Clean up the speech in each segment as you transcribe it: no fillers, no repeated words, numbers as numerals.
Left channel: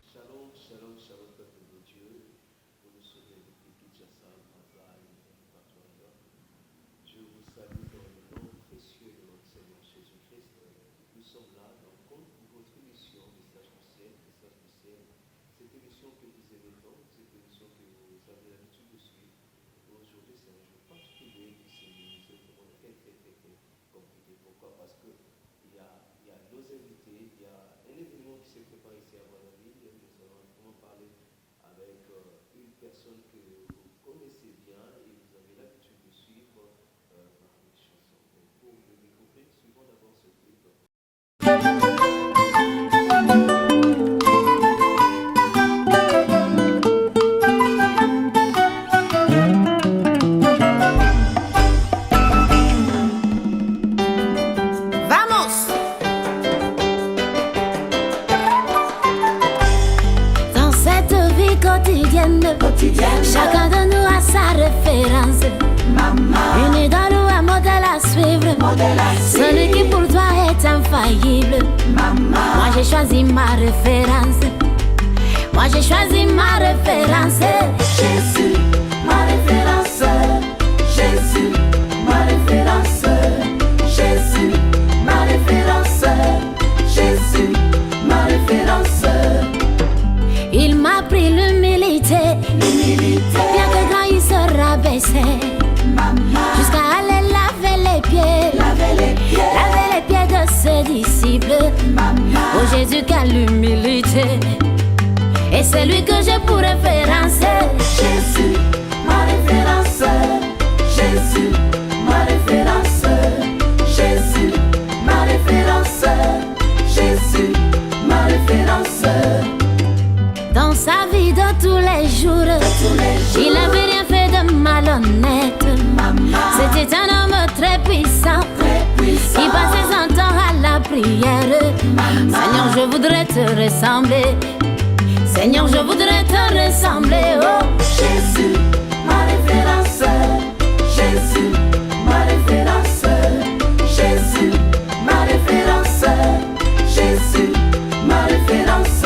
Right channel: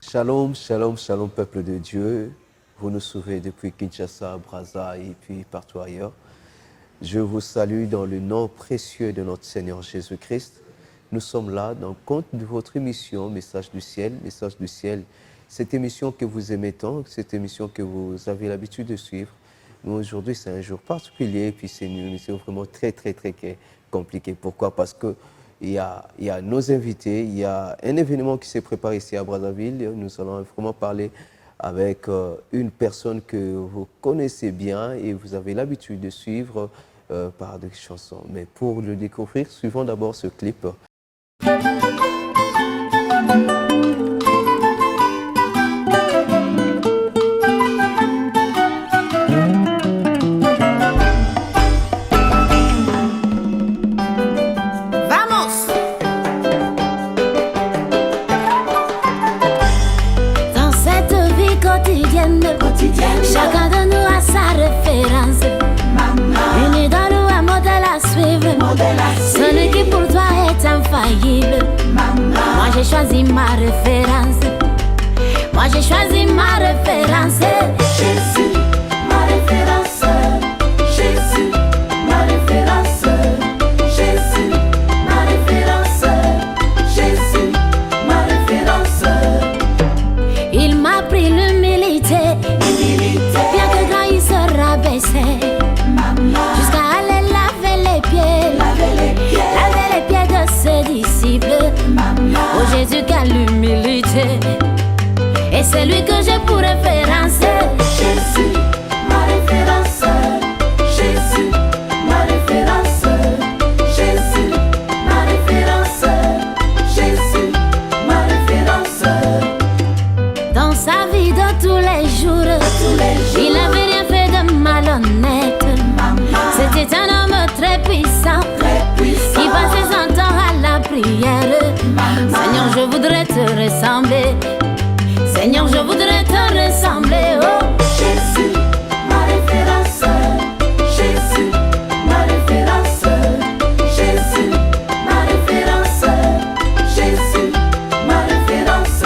Shalom, shalom, shalom, peuple de Dieu. Vous nous suivez depuis Kinshasa, Brazza et puis partout ailleurs. Je vous salue dans le nom précieux de notre Seigneur Jésus-Christ. Nous sommes là dans le compte de votre émission Message du ciel. Message du ciel, cette émission que vous aimez tant, cette émission que vous avez l'habitude de suivre. Mais aujourd'hui, c'est un jour particulier et puis c'est une émission vraiment très compliquée. Pourquoi? Parce que il y a nos invités, il y a un événement qui s'est préparé ici à Brazzaville. Nous allons vraiment parler avec une personne que vous connaissez bien et vous avez l'habitude de suivre par des chansons. Mais pour le découvrir, suivons d'abord ce clip. Chacun de nous a sa référence. Une idole ou un modèle à suivre. Celui qui pour toi est infaillible. Moi j'ai choisi ma référence. Moi j'ai choisi ma référence. Jésus, ma référence. Jésus, ma référence. Jésus, ma référence. Jésus, ma référence. Il m'a pris l'humilité. Bien que grand il se rabaissait jusqu'à aller laver les pieds de ses disciples. Oh Jésus, quelle humilité. Et c'est lui que j'ai pour référence. Jésus, ma référence. Jésus, ma référence. Jésus, ma référence. Jésus, ma référence. Dans sa vie de tous les jours, il n'avait rien fait de malhonnête. C'était un homme très puissant, qui passait son temps à la prière. Seigneur, je voudrais te ressembler. Seigneur, je voudrais te ressembler. Oh Jésus, ma référence. Jésus, ma référence. Jésus, ma référence. Jésus, ma référence.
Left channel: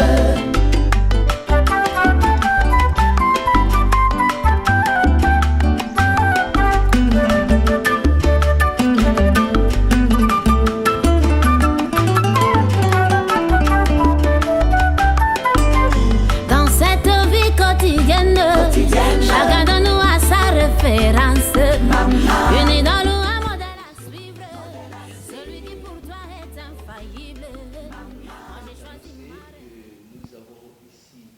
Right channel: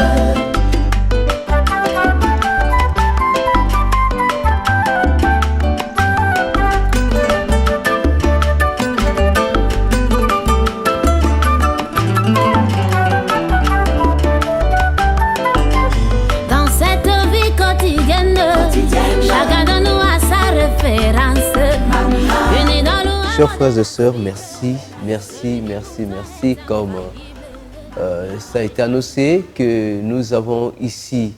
Chacun de nous a sa référence. Chers frères et sœurs, merci. Comme ça a été annoncé que nous avons ici,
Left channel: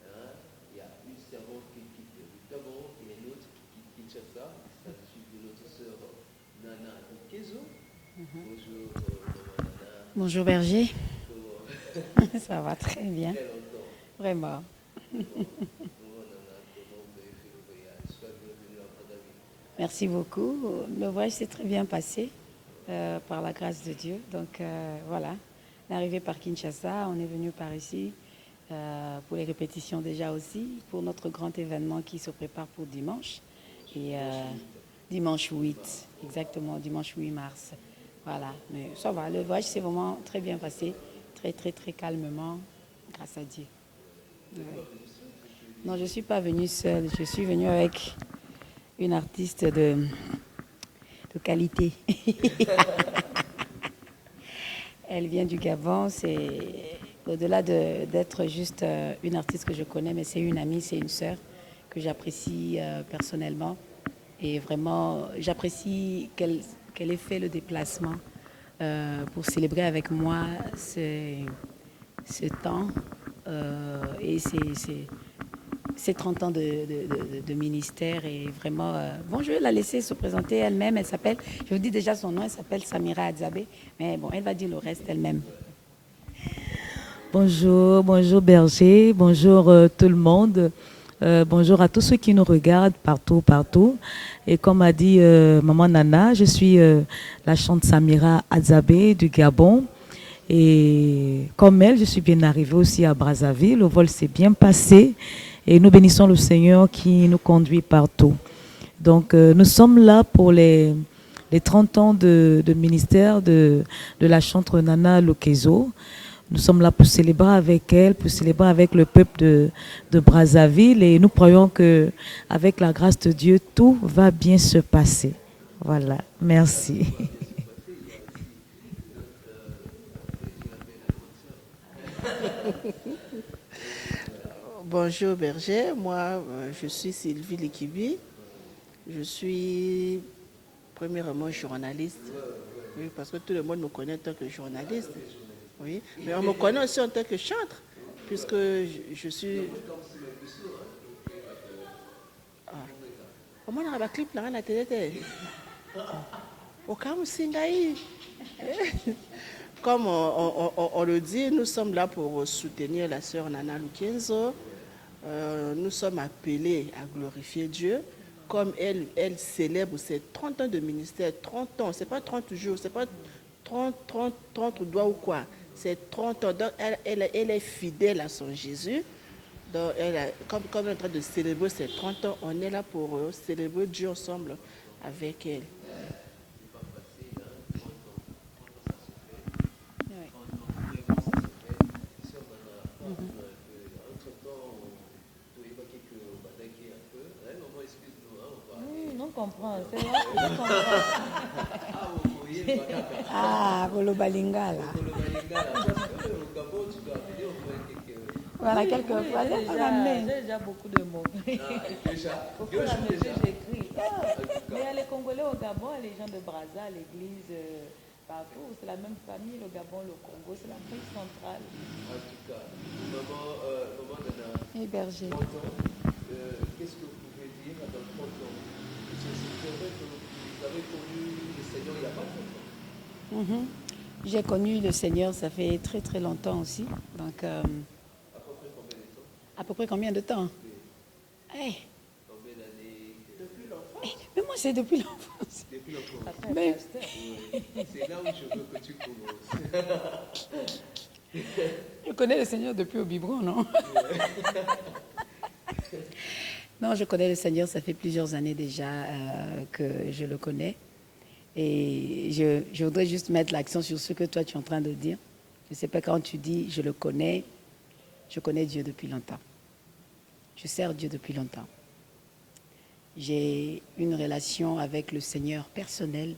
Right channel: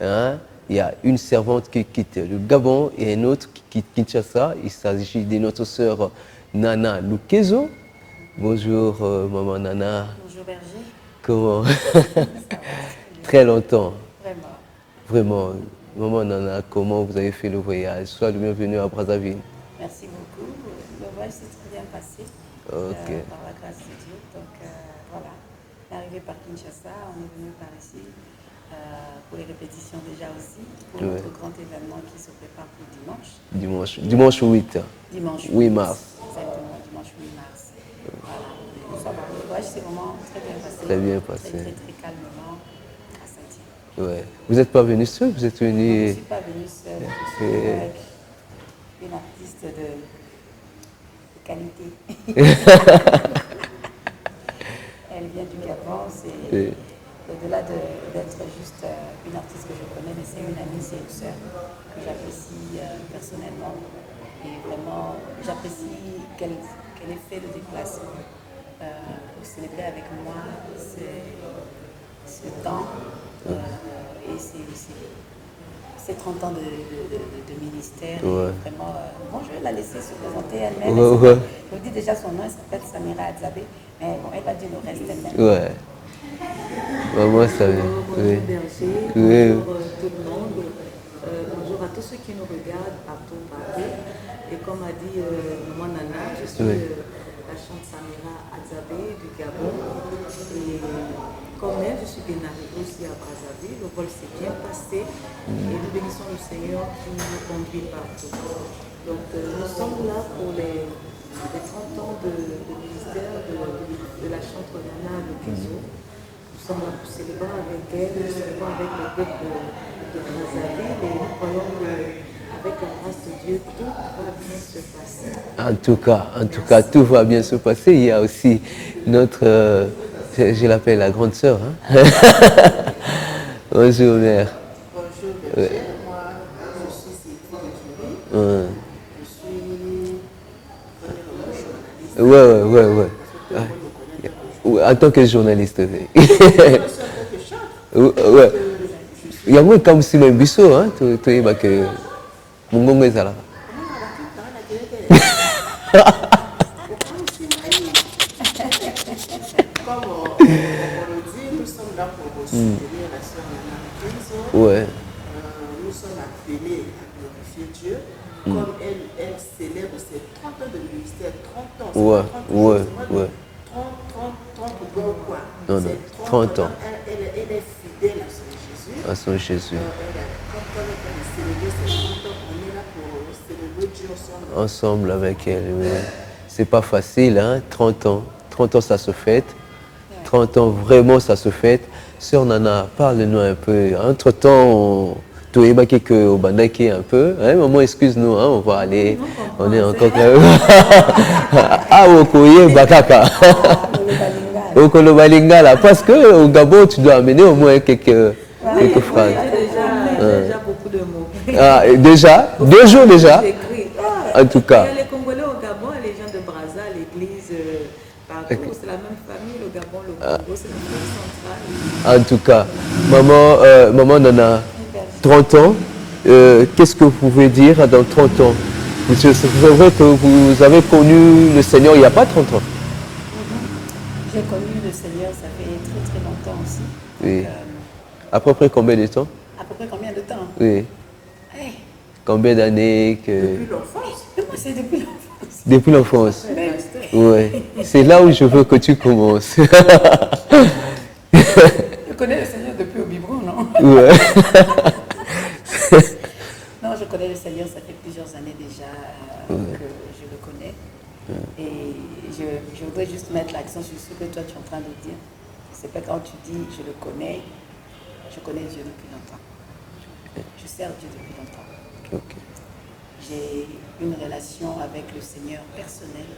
il y a une servante qui quitte le Gabon et une autre qui quitte Kinshasa. Il s'agit de notre sœur Nana Lukezo. Bonjour maman Nana. Bonjour Berger. Comment? Ça va très bien. Très longtemps. Vraiment. Maman Nana, comment vous avez fait le voyage? Sois le bienvenu à Brazzaville. Merci beaucoup. Le voyage s'est très bien passé par la grâce de Dieu. Donc voilà, on est arrivé par Kinshasa, on est venu par ici pour les répétitions déjà aussi, pour notre grand événement qui se prépare pour dimanche. Dimanche 8. Dimanche 8 mars. Exactement, dimanche 8 mars. Voilà, mais ça va, le voyage s'est vraiment très bien passé. Très bien passé. Très calmement, grâce à Dieu. Ouais. Vous n'êtes pas venu seul, vous êtes venu... Non, je ne suis pas venue seule, je suis venue avec une artiste de qualité. Elle vient du Gabon, c'est au-delà d'être juste une artiste que je connais, mais c'est une amie, c'est une sœur que j'apprécie personnellement. Et vraiment, j'apprécie qu'elle ait fait le déplacement pour célébrer avec moi ce temps. Et c'est 30 ans de ministère. Et vraiment, bon, je vais la laisser se présenter elle-même. Je vous dis déjà son nom, elle s'appelle Samira Adzabé. Mais bon, elle va dire le reste elle-même. Ouais. Bonjour Berger, bonjour tout le monde. Bonjour à tous ceux qui nous regardent partout. Et comme a dit maman Nana, je suis la chante Samira Adzabé du Gabon. Et comme elle, je suis bien arrivée aussi à Brazzaville. Le vol s'est bien passé et nous bénissons le Seigneur qui nous conduit partout. Donc nous sommes là pour les 30 ans de ministère de la chantre Nana Lokezo. Nous sommes là pour célébrer avec elle, pour célébrer avec le peuple de Brazzaville, et nous croyons qu'avec la grâce de Dieu, tout va bien se passer. En tout cas, tout va bien se passer. Il y a aussi notre, je l'appelle la grande sœur. Hein? Bonjour mère. Bonjour Berger, moi je suis Sylvie Likibi. Je suis premièrement journaliste. Ouais. Parce que tout le monde me connaît en tant que journaliste. En tant que journaliste. Je suis en tant que chanteur. Ouais. Il y a moi comme si même biso, hein, tu es que mon gongo est là. Comment on a la clip là, on a télé. Aucun aussi naïf. Comme on le dit, nous sommes là pour soutenir la sœur Nana Lokezo. Ouais. Nous sommes appelés à glorifier Dieu. Comme elle célèbre ses 30 ans de ministère, 30 ans, c'est pas 30 jours, c'est pas 30 doigts ou quoi. Non, c'est 30 ans. Elle est fidèle à son Jésus. À son Jésus. Quand on est en train de célébrer ses 30 ans, on est là pour célébrer Dieu ensemble. Ensemble avec elle, ouais. C'est pas facile, hein, 30 ans. 30 ans, ça se fête. 30 ans, vraiment, ça se fête. Sœur Nana, parle-nous un peu. Entre-temps, tu es baqué au bandaki un peu. Hein, maman, excuse-nous, hein, on va aller. On est encore là. Ah, Okoye Bakaka. Au Kolobalingala. Parce qu'au Gabon, tu dois amener au moins quelques phrases. Déjà beaucoup de mots. Ah, déjà 2 jours déjà. En tout cas. Il y a les Congolais au Gabon et les gens de Brazza, l'église, partout. C'est la même famille, le Gabon, le Congo, c'est la même centrale. En tout cas, maman Nana, 30 ans, qu'est-ce que vous pouvez dire dans 30 ans? C'est vrai que vous avez connu le Seigneur il n'y a pas 30 ans. J'ai connu le Seigneur, ça fait très très longtemps aussi. Oui. Donc, À peu près combien de temps? à peu près combien de temps? Oui. Hey. Combien d'années que... Depuis l'enfance. Et moi, c'est depuis l'enfance. Depuis l'enfance. Oui. C'est là où je veux que tu commences. Je connais le Seigneur depuis au biberon, non? Ouais. Non, je connais le Seigneur, ça fait plusieurs années déjà que je le connais. Et je voudrais juste mettre l'accent sur ce que toi tu es en train de dire. C'est pas quand tu dis je le connais, je connais Dieu depuis longtemps. Je sers Dieu depuis longtemps. Ok. J'ai une relation avec le Seigneur personnelle.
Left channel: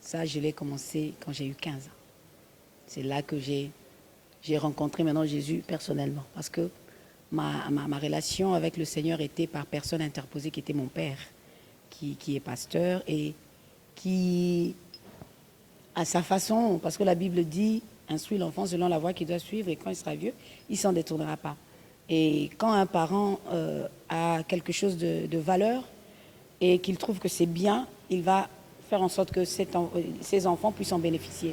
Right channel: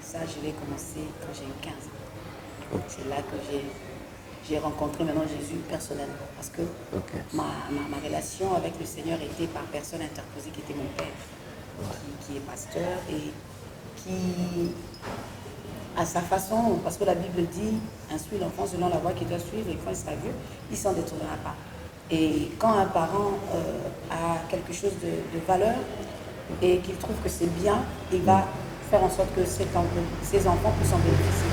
Ça, je l'ai commencé quand j'ai eu 15 ans. C'est là que j'ai rencontré maintenant Jésus personnellement. Parce que ma relation avec le Seigneur était par personne interposée, qui était mon père, qui est pasteur et qui, à sa façon, parce que la Bible dit, instruit l'enfant selon la voie qu'il doit suivre, et quand il sera vieux, il ne s'en détournera pas. Et quand un parent a quelque chose de valeur et qu'il trouve que c'est bien, il va faire en sorte que ses enfants puissent en bénéficier.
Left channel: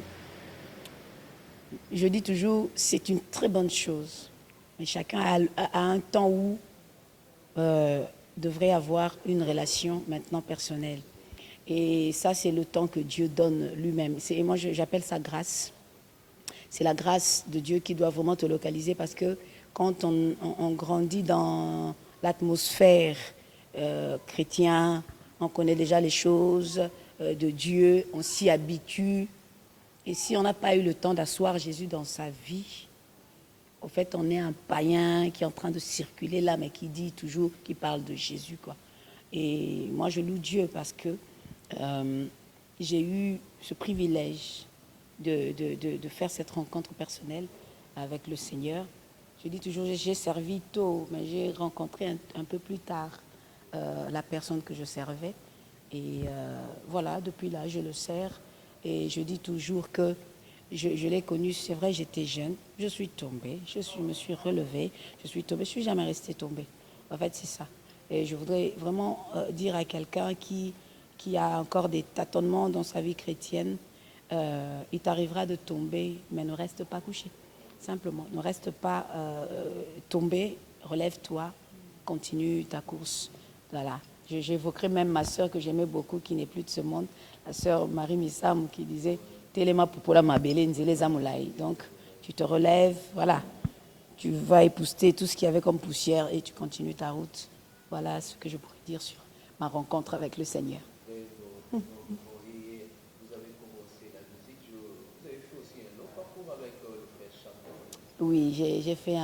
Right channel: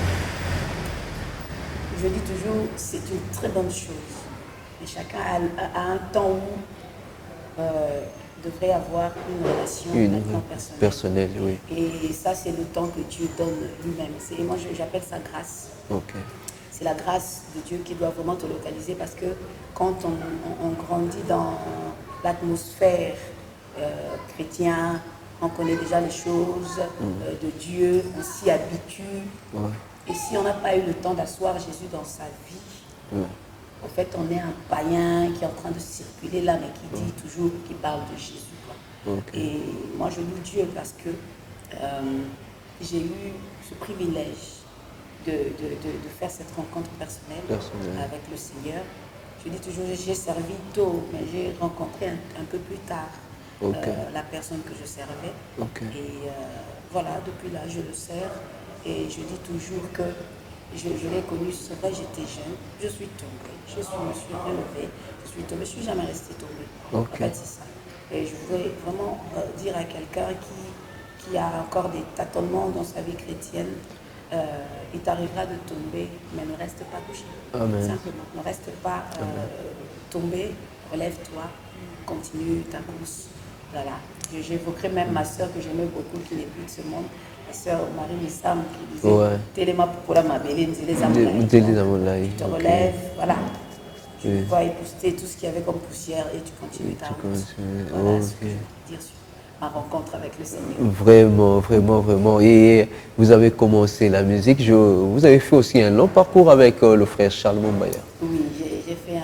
Je dis toujours, c'est une très bonne chose. Mais chacun a un temps où devrait avoir une relation maintenant personnelle. Oui. Et ça, c'est le temps que Dieu donne lui-même. Moi, j'appelle ça grâce. Okay. C'est la grâce de Dieu qui doit vraiment te localiser, parce que quand on grandit dans l'atmosphère chrétienne, on connaît déjà les choses de Dieu, on s'y habitue. Ouais. Et si on n'a pas eu le temps d'asseoir Jésus dans sa vie, en fait, on est un païen qui est en train de circuler là, mais qui dit toujours, qui parle de Jésus, quoi. Okay. Et moi, je loue Dieu parce que j'ai eu ce privilège de faire cette rencontre personnelle avec le Seigneur. Je dis toujours, j'ai servi tôt, mais j'ai rencontré un peu plus tard la personne que je servais. Et voilà, depuis là, je le sers. Et je dis toujours que je l'ai connu, c'est vrai, j'étais jeune, je suis tombée, je me suis relevée, je suis tombée, je ne suis jamais restée tombée. En fait, c'est ça. Et je voudrais vraiment dire à quelqu'un qui a encore des tâtonnements dans sa vie chrétienne, il t'arrivera de tomber, mais ne reste pas couché. Amen. Simplement, ne reste pas tombé, relève-toi, continue ta course. Voilà. J'évoquerai même ma soeur que j'aimais beaucoup, qui n'est plus de ce monde, la sœur Marie Missam, qui disait Téléma Popola Mabélé, tu te relèves, voilà. Tu vas épousseter tout ce qu'il y avait comme poussière et tu continues ta route. Voilà ce que je veux dire ma rencontre avec le Seigneur. Vraiment, vraiment, vraiment. Et vous avez commencé la musique. Vous avez fait aussi un long parcours avec le frère Charles Mombaya. Oui, j'ai fait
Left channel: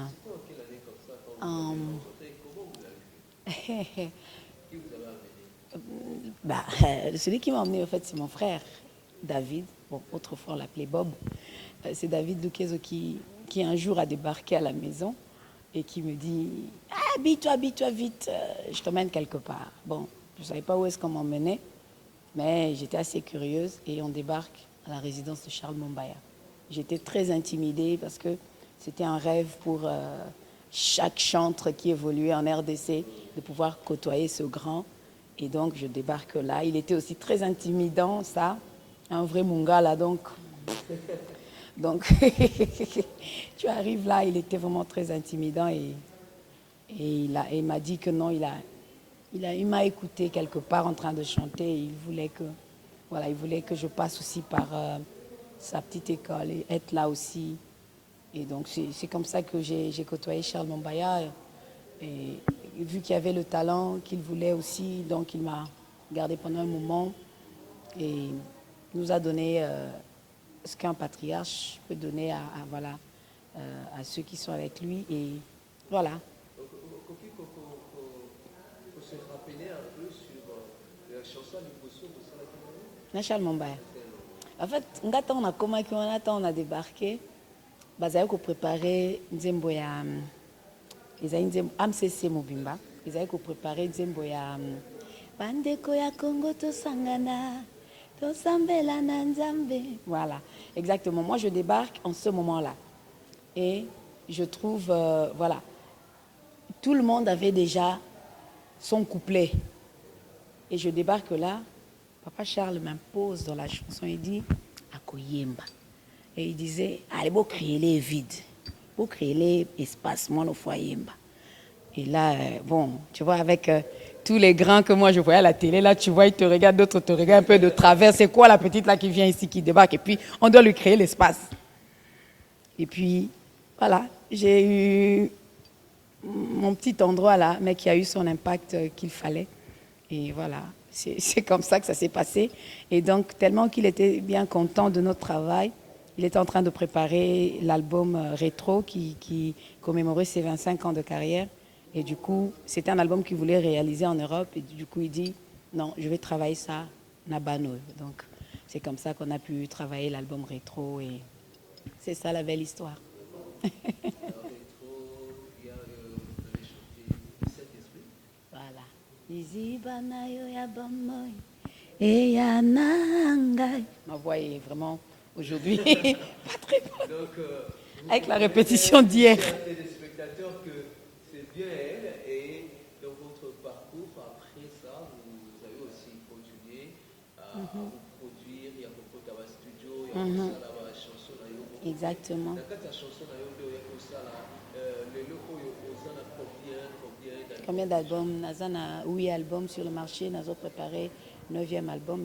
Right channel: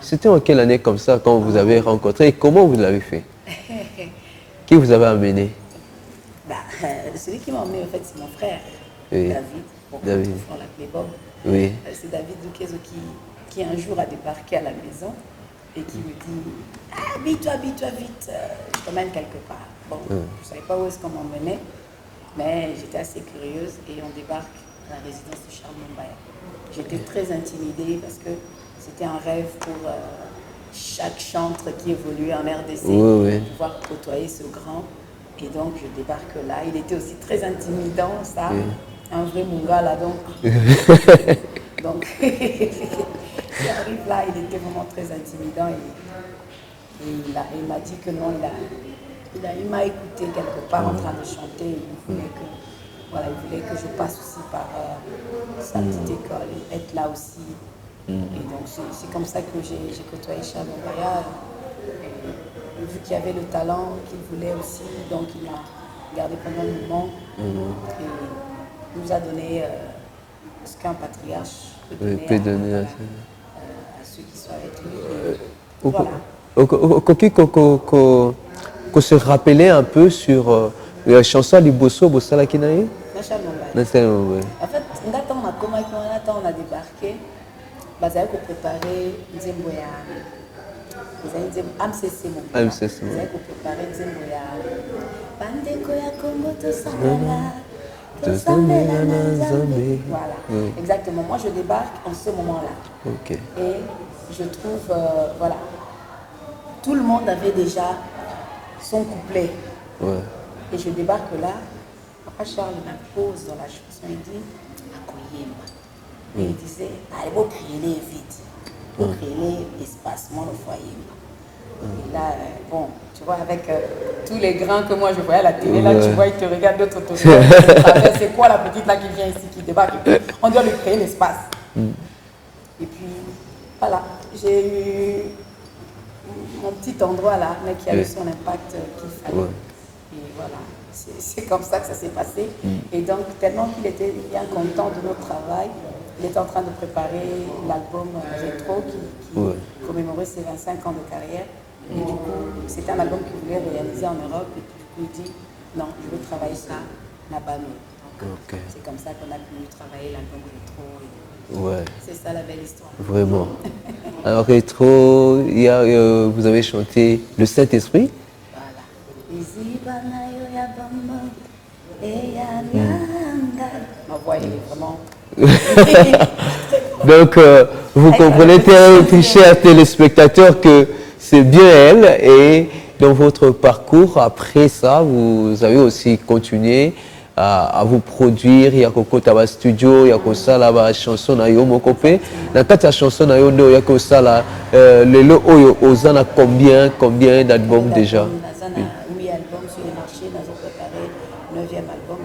C'était en quelle année comme ça quand vous avez rencontré et comment vous l'avez fait? Qui vous avez amené? Celui qui m'a emmené, en fait, c'est mon frère, Oui. David. Bon, David. on l'appelait Bob. Oui. C'est David Doukezo qui un jour a débarqué à la maison et qui me dit « Ah, habille-toi vite, je t'emmène quelque part. » Bon, je ne savais pas où est-ce qu'on m'emmenait, mais j'étais assez curieuse et on débarque à la résidence de Charles Mombaya. J'étais très intimidée parce que c'était un rêve pour chaque chantre qui évoluait en RDC, de pouvoir côtoyer ce grand. Et donc, je débarque là. Il était aussi très intimidant, ça. Un vrai Mungala, donc. Donc, j'arrive là, il était vraiment très intimidant. Et il m'a dit que non, il m'a écouté quelque part en train de chanter. Et il voulait que je passe aussi par sa petite école et être là aussi. Et donc, c'est comme ça que j'ai côtoyé Charles Mombaya. Et vu qu'il y avait le talent qu'il voulait aussi, donc il m'a gardé pendant un moment et nous a donné ce qu'un patriarche peut donner à ceux qui sont avec lui. Et voilà. Qu'on se rappelait un peu sur la chanson du Bosso Bossala Kinaï. Charles Mombaya. En fait, on a débarqué. Bazaï pour préparer Nzembo ya AMCC Mobila. Bazaï pour préparer Nzembo ya Bandeko ya Congo Tosambela Nzambe. Voilà, exactement. Moi, je débarque en ce moment-là. Et je trouve, voilà, tout le monde avait déjà son couplet. Et je débarque là. Papa Charles m'impose dans la chanson, il dit Akoyemba. Et il disait, il faut créer les vides, il faut créer l'espace, moi le foyer. Et là, bon, tu vois, avec tous les grands que moi je voyais à la télé, là, tu vois, ils te regardent, d'autres te regardent de travers. C'est quoi la petite là qui vient ici, qui débarque? Et puis, on doit lui créer l'espace. Et puis, voilà, j'ai eu mon petit endroit là, mais qui a eu son impact qu'il fallait. Et voilà, c'est comme ça que ça s'est passé. Et donc, tellement qu'il était bien content de notre travail, il était en train de préparer l'album Rétro qui commémorait ses 25 ans de carrière. Et du coup, c'était un album qu'il voulait réaliser en Europe. Et du coup, il dit, non, je vais travailler ça là-bas. Donc, c'est comme ça qu'on a pu travailler l'album Rétro. Et c'est ça la belle histoire. Vraiment. Alors, Rétro, vous avez chanté Le Saint-Esprit. Ma voix, elle est vraiment... Donc, vous comprenez, chers téléspectateurs, que c'est bien elle. Et dans votre parcours, après ça, vous avez aussi continué à vous produire. Il y a Coco Taba Studio, il y a Coco la chanson na yo mokopé. Dans la chanson na yo, il y a Coco la le lo oyo ozana combien d'albums déjà? 8 albums sur le marché, nous avons préparé le 9e album,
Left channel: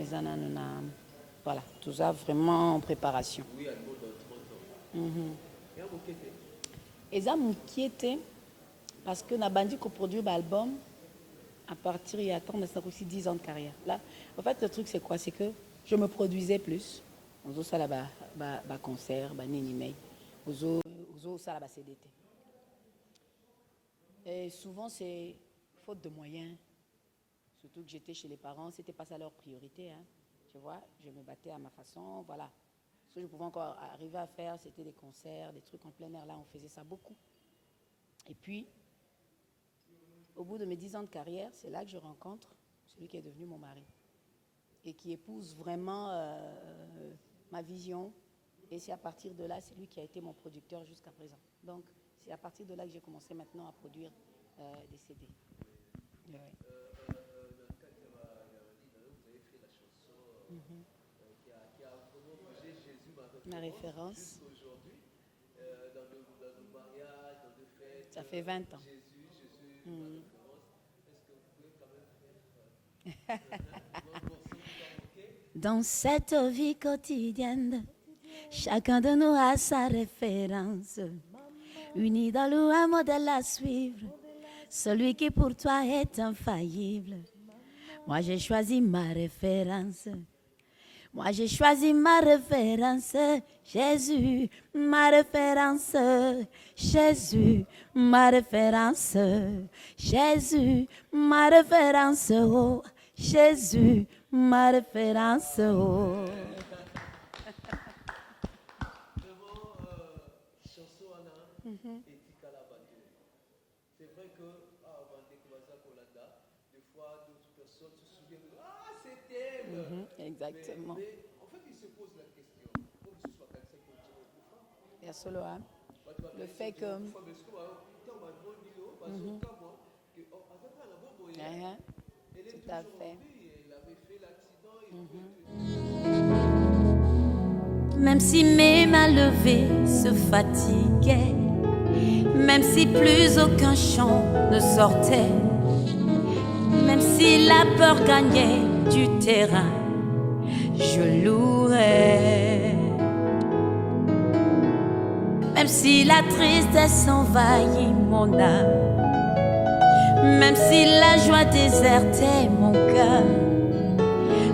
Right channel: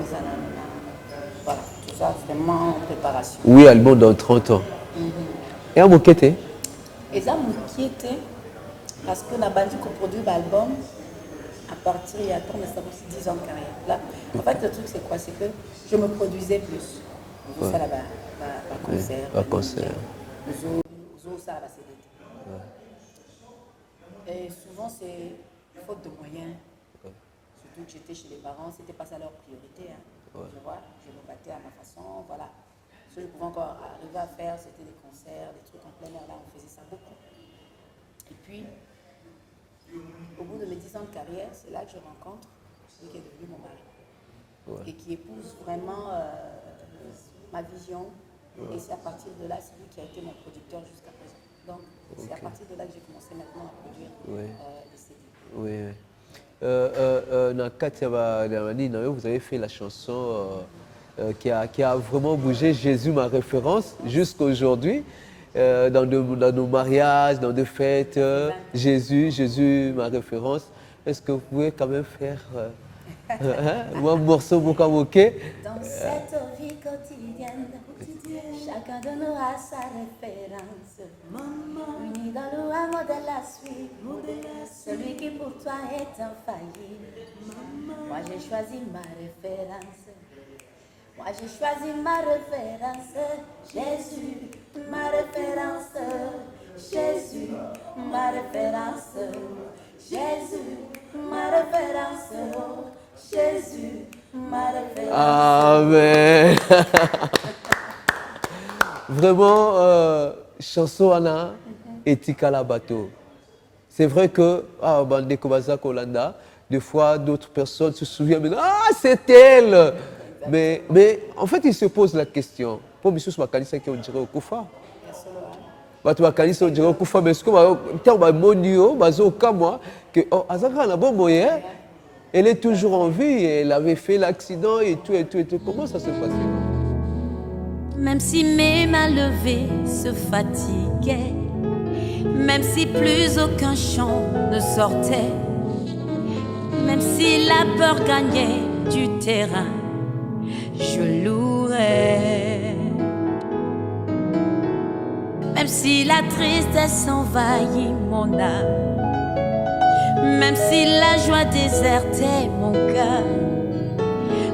voilà, tout ça vraiment en préparation. 8 albums dans 30 ans. Et à Mokété? Et ça m'inquiétait parce que la bande qui produit l'album, à partir il y a 10 ans de carrière. Là, en fait, le truc c'est quoi? C'est que je me produisais plus. Nous ça là-bas, concert, nous ça là-bas, c'est l'été. Et souvent c'est faute de moyens. Surtout que j'étais chez les parents, c'était pas ça leur priorité. Tu vois, je me battais à ma façon, voilà. Ce que je pouvais encore arriver à faire, c'était des concerts, des trucs en plein air, là, on faisait ça beaucoup. Et puis, au bout de mes 10 ans de carrière, c'est là que je rencontre celui qui est devenu mon mari. Et qui épouse vraiment ma vision. Et c'est à partir de là, c'est lui qui a été mon producteur jusqu'à présent. Donc, c'est à partir de là que j'ai commencé maintenant à produire des CD. Vous avez fait la chanson qui a vraiment bougé, Jésus ma référence, jusqu'à aujourd'hui. Dans nos mariages, dans des fêtes, Jésus ma référence. Est-ce que vous pouvez quand même faire un morceau mokamoké? Dans cette vie quotidienne, chacun de nous a sa référence. Unis dans le modèle à suivre. celui qui pour toi est infaillible. Moi j'ai choisi ma référence. Moi j'ai choisi ma référence. Jésus, ma référence. Jésus, ma référence. Jésus, ma référence. Oh, Jésus, ma référence. Amen. Vraiment, chanson Anna et Tikala Bateau. C'est vrai que, Bande Kobazak Olanda, des fois d'autres personnes se souviennent, mais c'est elle. Mais en fait, ils se posent la question. Pour Bissous Makalisa qui on dirait au Koufa. Batu Makalisa on dirait au Koufa, mais est-ce que Monio, Bazo Kamwa, que Azaka n'a bon moyen, elle est toujours en vie, elle avait fait l'accident et tout. Comment ça se passe? Même si mes mains levées se fatiguaient, même si plus aucun chant ne sortait, même si la peur gagnait du terrain, je louerai. Même si la tristesse envahit mon âme, même si la joie désertait mon cœur,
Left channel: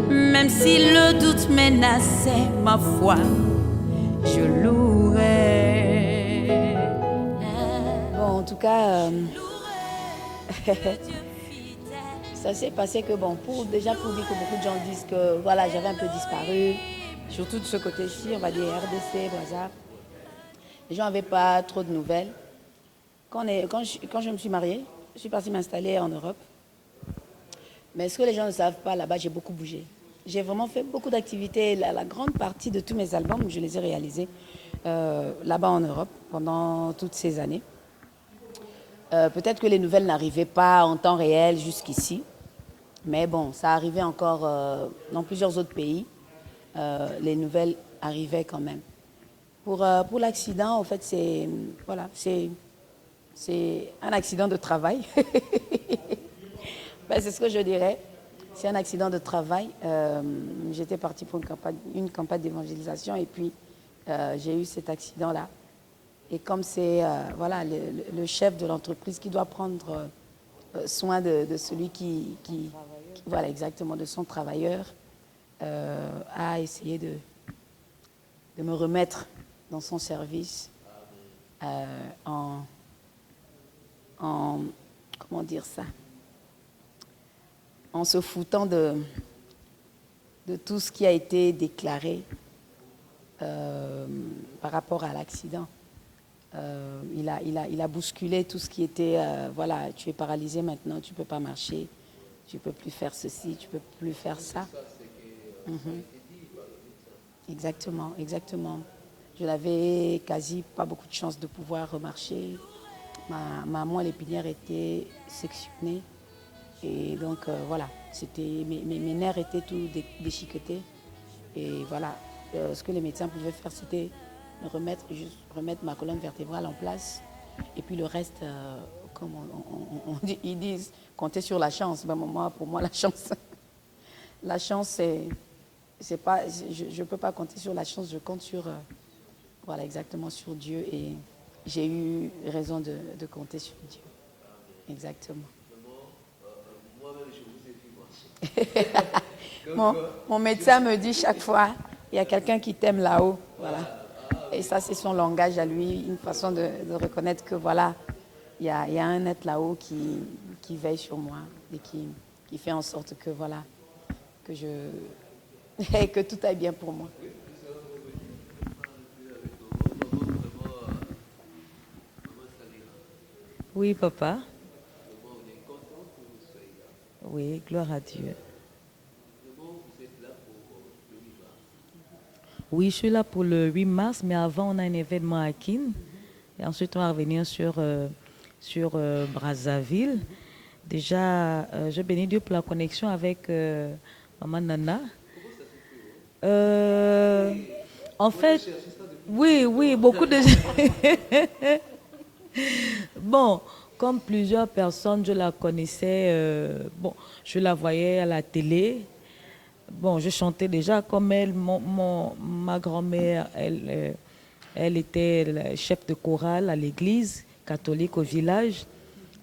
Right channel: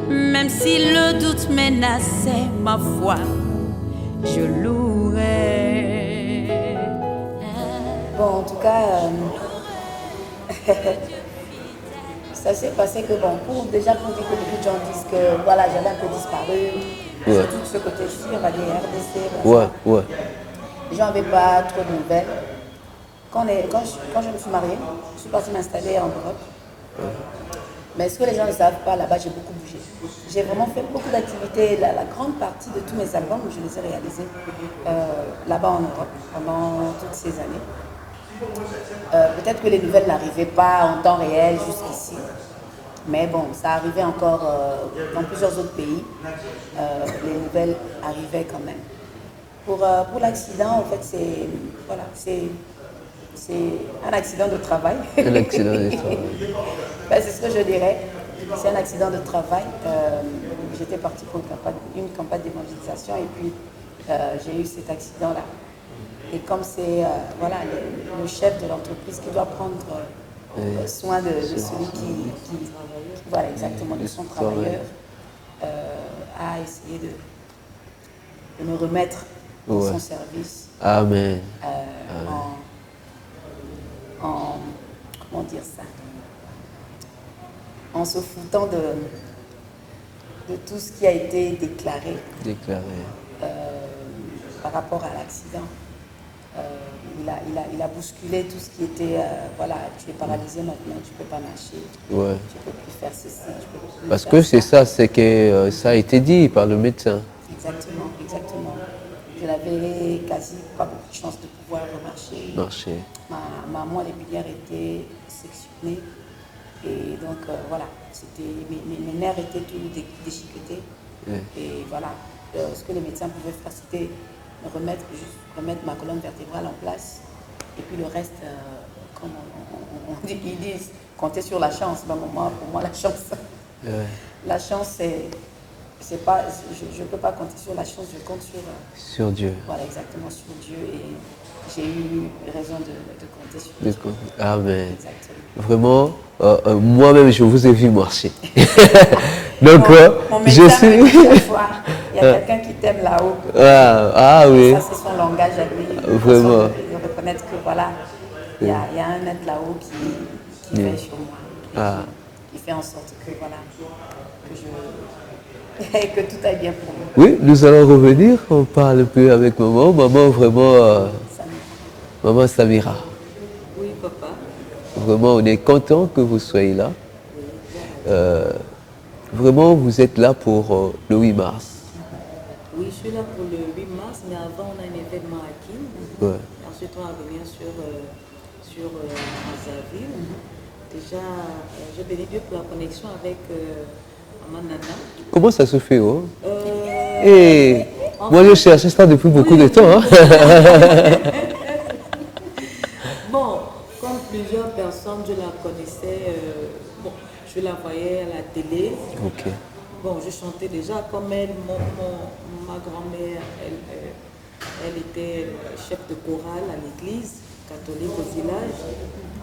même si le doute menaçait ma foi, je louerai. Bon, en tout cas, ça s'est passé que bon, déjà pour dire que beaucoup de gens disent que voilà, j'avais un peu disparu, surtout de ce côté-ci, on va dire RDC. Ouais. Les gens n'avaient pas trop de nouvelles. Quand je me suis mariée, je suis partie m'installer en Europe. Mais ce que les gens ne savent pas, là-bas, j'ai beaucoup bougé. J'ai vraiment fait beaucoup d'activités. La grande partie de tous mes albums, je les ai réalisés là-bas en Europe pendant toutes ces années. Peut-être que les nouvelles n'arrivaient pas en temps réel jusqu'ici. Mais bon, ça arrivait encore dans plusieurs autres pays. Les nouvelles arrivaient quand même. Pour l'accident, en fait, c'est un accident de travail. Un accident de travail. Ben, c'est ce que je dirais. C'est un accident de travail. J'étais partie pour une campagne d'évangélisation et puis j'ai eu cet accident-là. Et comme c'est le chef de l'entreprise qui doit prendre soin de celui qui voilà exactement, de son travailleur, a essayé de me remettre dans son service. Amen. Comment dire ça, en se foutant de tout ce qui a été déclaré. Par rapport à l'accident. Il a bousculé tout ce qui était, tu es paralysé maintenant, tu ne peux pas marcher, tu ne peux plus faire ceci, tu peux plus Parce faire que c'est ça, c'est que ça a été dit par le médecin. Exactement. Je n'avais quasi pas beaucoup de chance de pouvoir remarcher. Ma moelle épinière était sectionnée et donc mes nerfs étaient tous déchiquetés. Et voilà, ce que les médecins pouvaient faire, c'était remettre ma colonne vertébrale en place et puis le reste, comme ils disent, compter sur la chance. Ben, pour moi, la chance, la chance, c'est pas, je ne peux pas compter sur la chance, je compte sur Dieu. Voilà, exactement, sur Dieu. Et j'ai eu raison de compter sur Dieu. Amen. Exactement. Vraiment, moi-même, je vous ai vu marcher. Donc, mon médecin me dit chaque fois, il y a quelqu'un qui t'aime là-haut. Oui. Ça, c'est son langage à lui. Vraiment. De reconnaître que voilà, il y a un être là-haut qui veille sur moi. Qui fait en sorte que voilà, que tout aille bien pour moi. Oui, nous allons revenir. On parle un peu avec maman. Maman, vraiment, maman Samira. Oui, papa. Vraiment, on est content que vous soyez là. Oui, vraiment, vous êtes là pour le 8 mars. Oui, je suis là pour le 8 mars, mais avant, on a un événement à Kim. Et ensuite, on va revenir sur Brazzaville. Déjà, je bénis Dieu pour la connexion avec maman Nana. Comment ça se fait, moi, je cherche ça depuis beaucoup de temps. Bon, comme plusieurs personnes, je la connaissais. Je la voyais à la télé. Bon, je chantais déjà comme elle. Ma grand-mère, elle était chef de chorale à l'église catholique au village.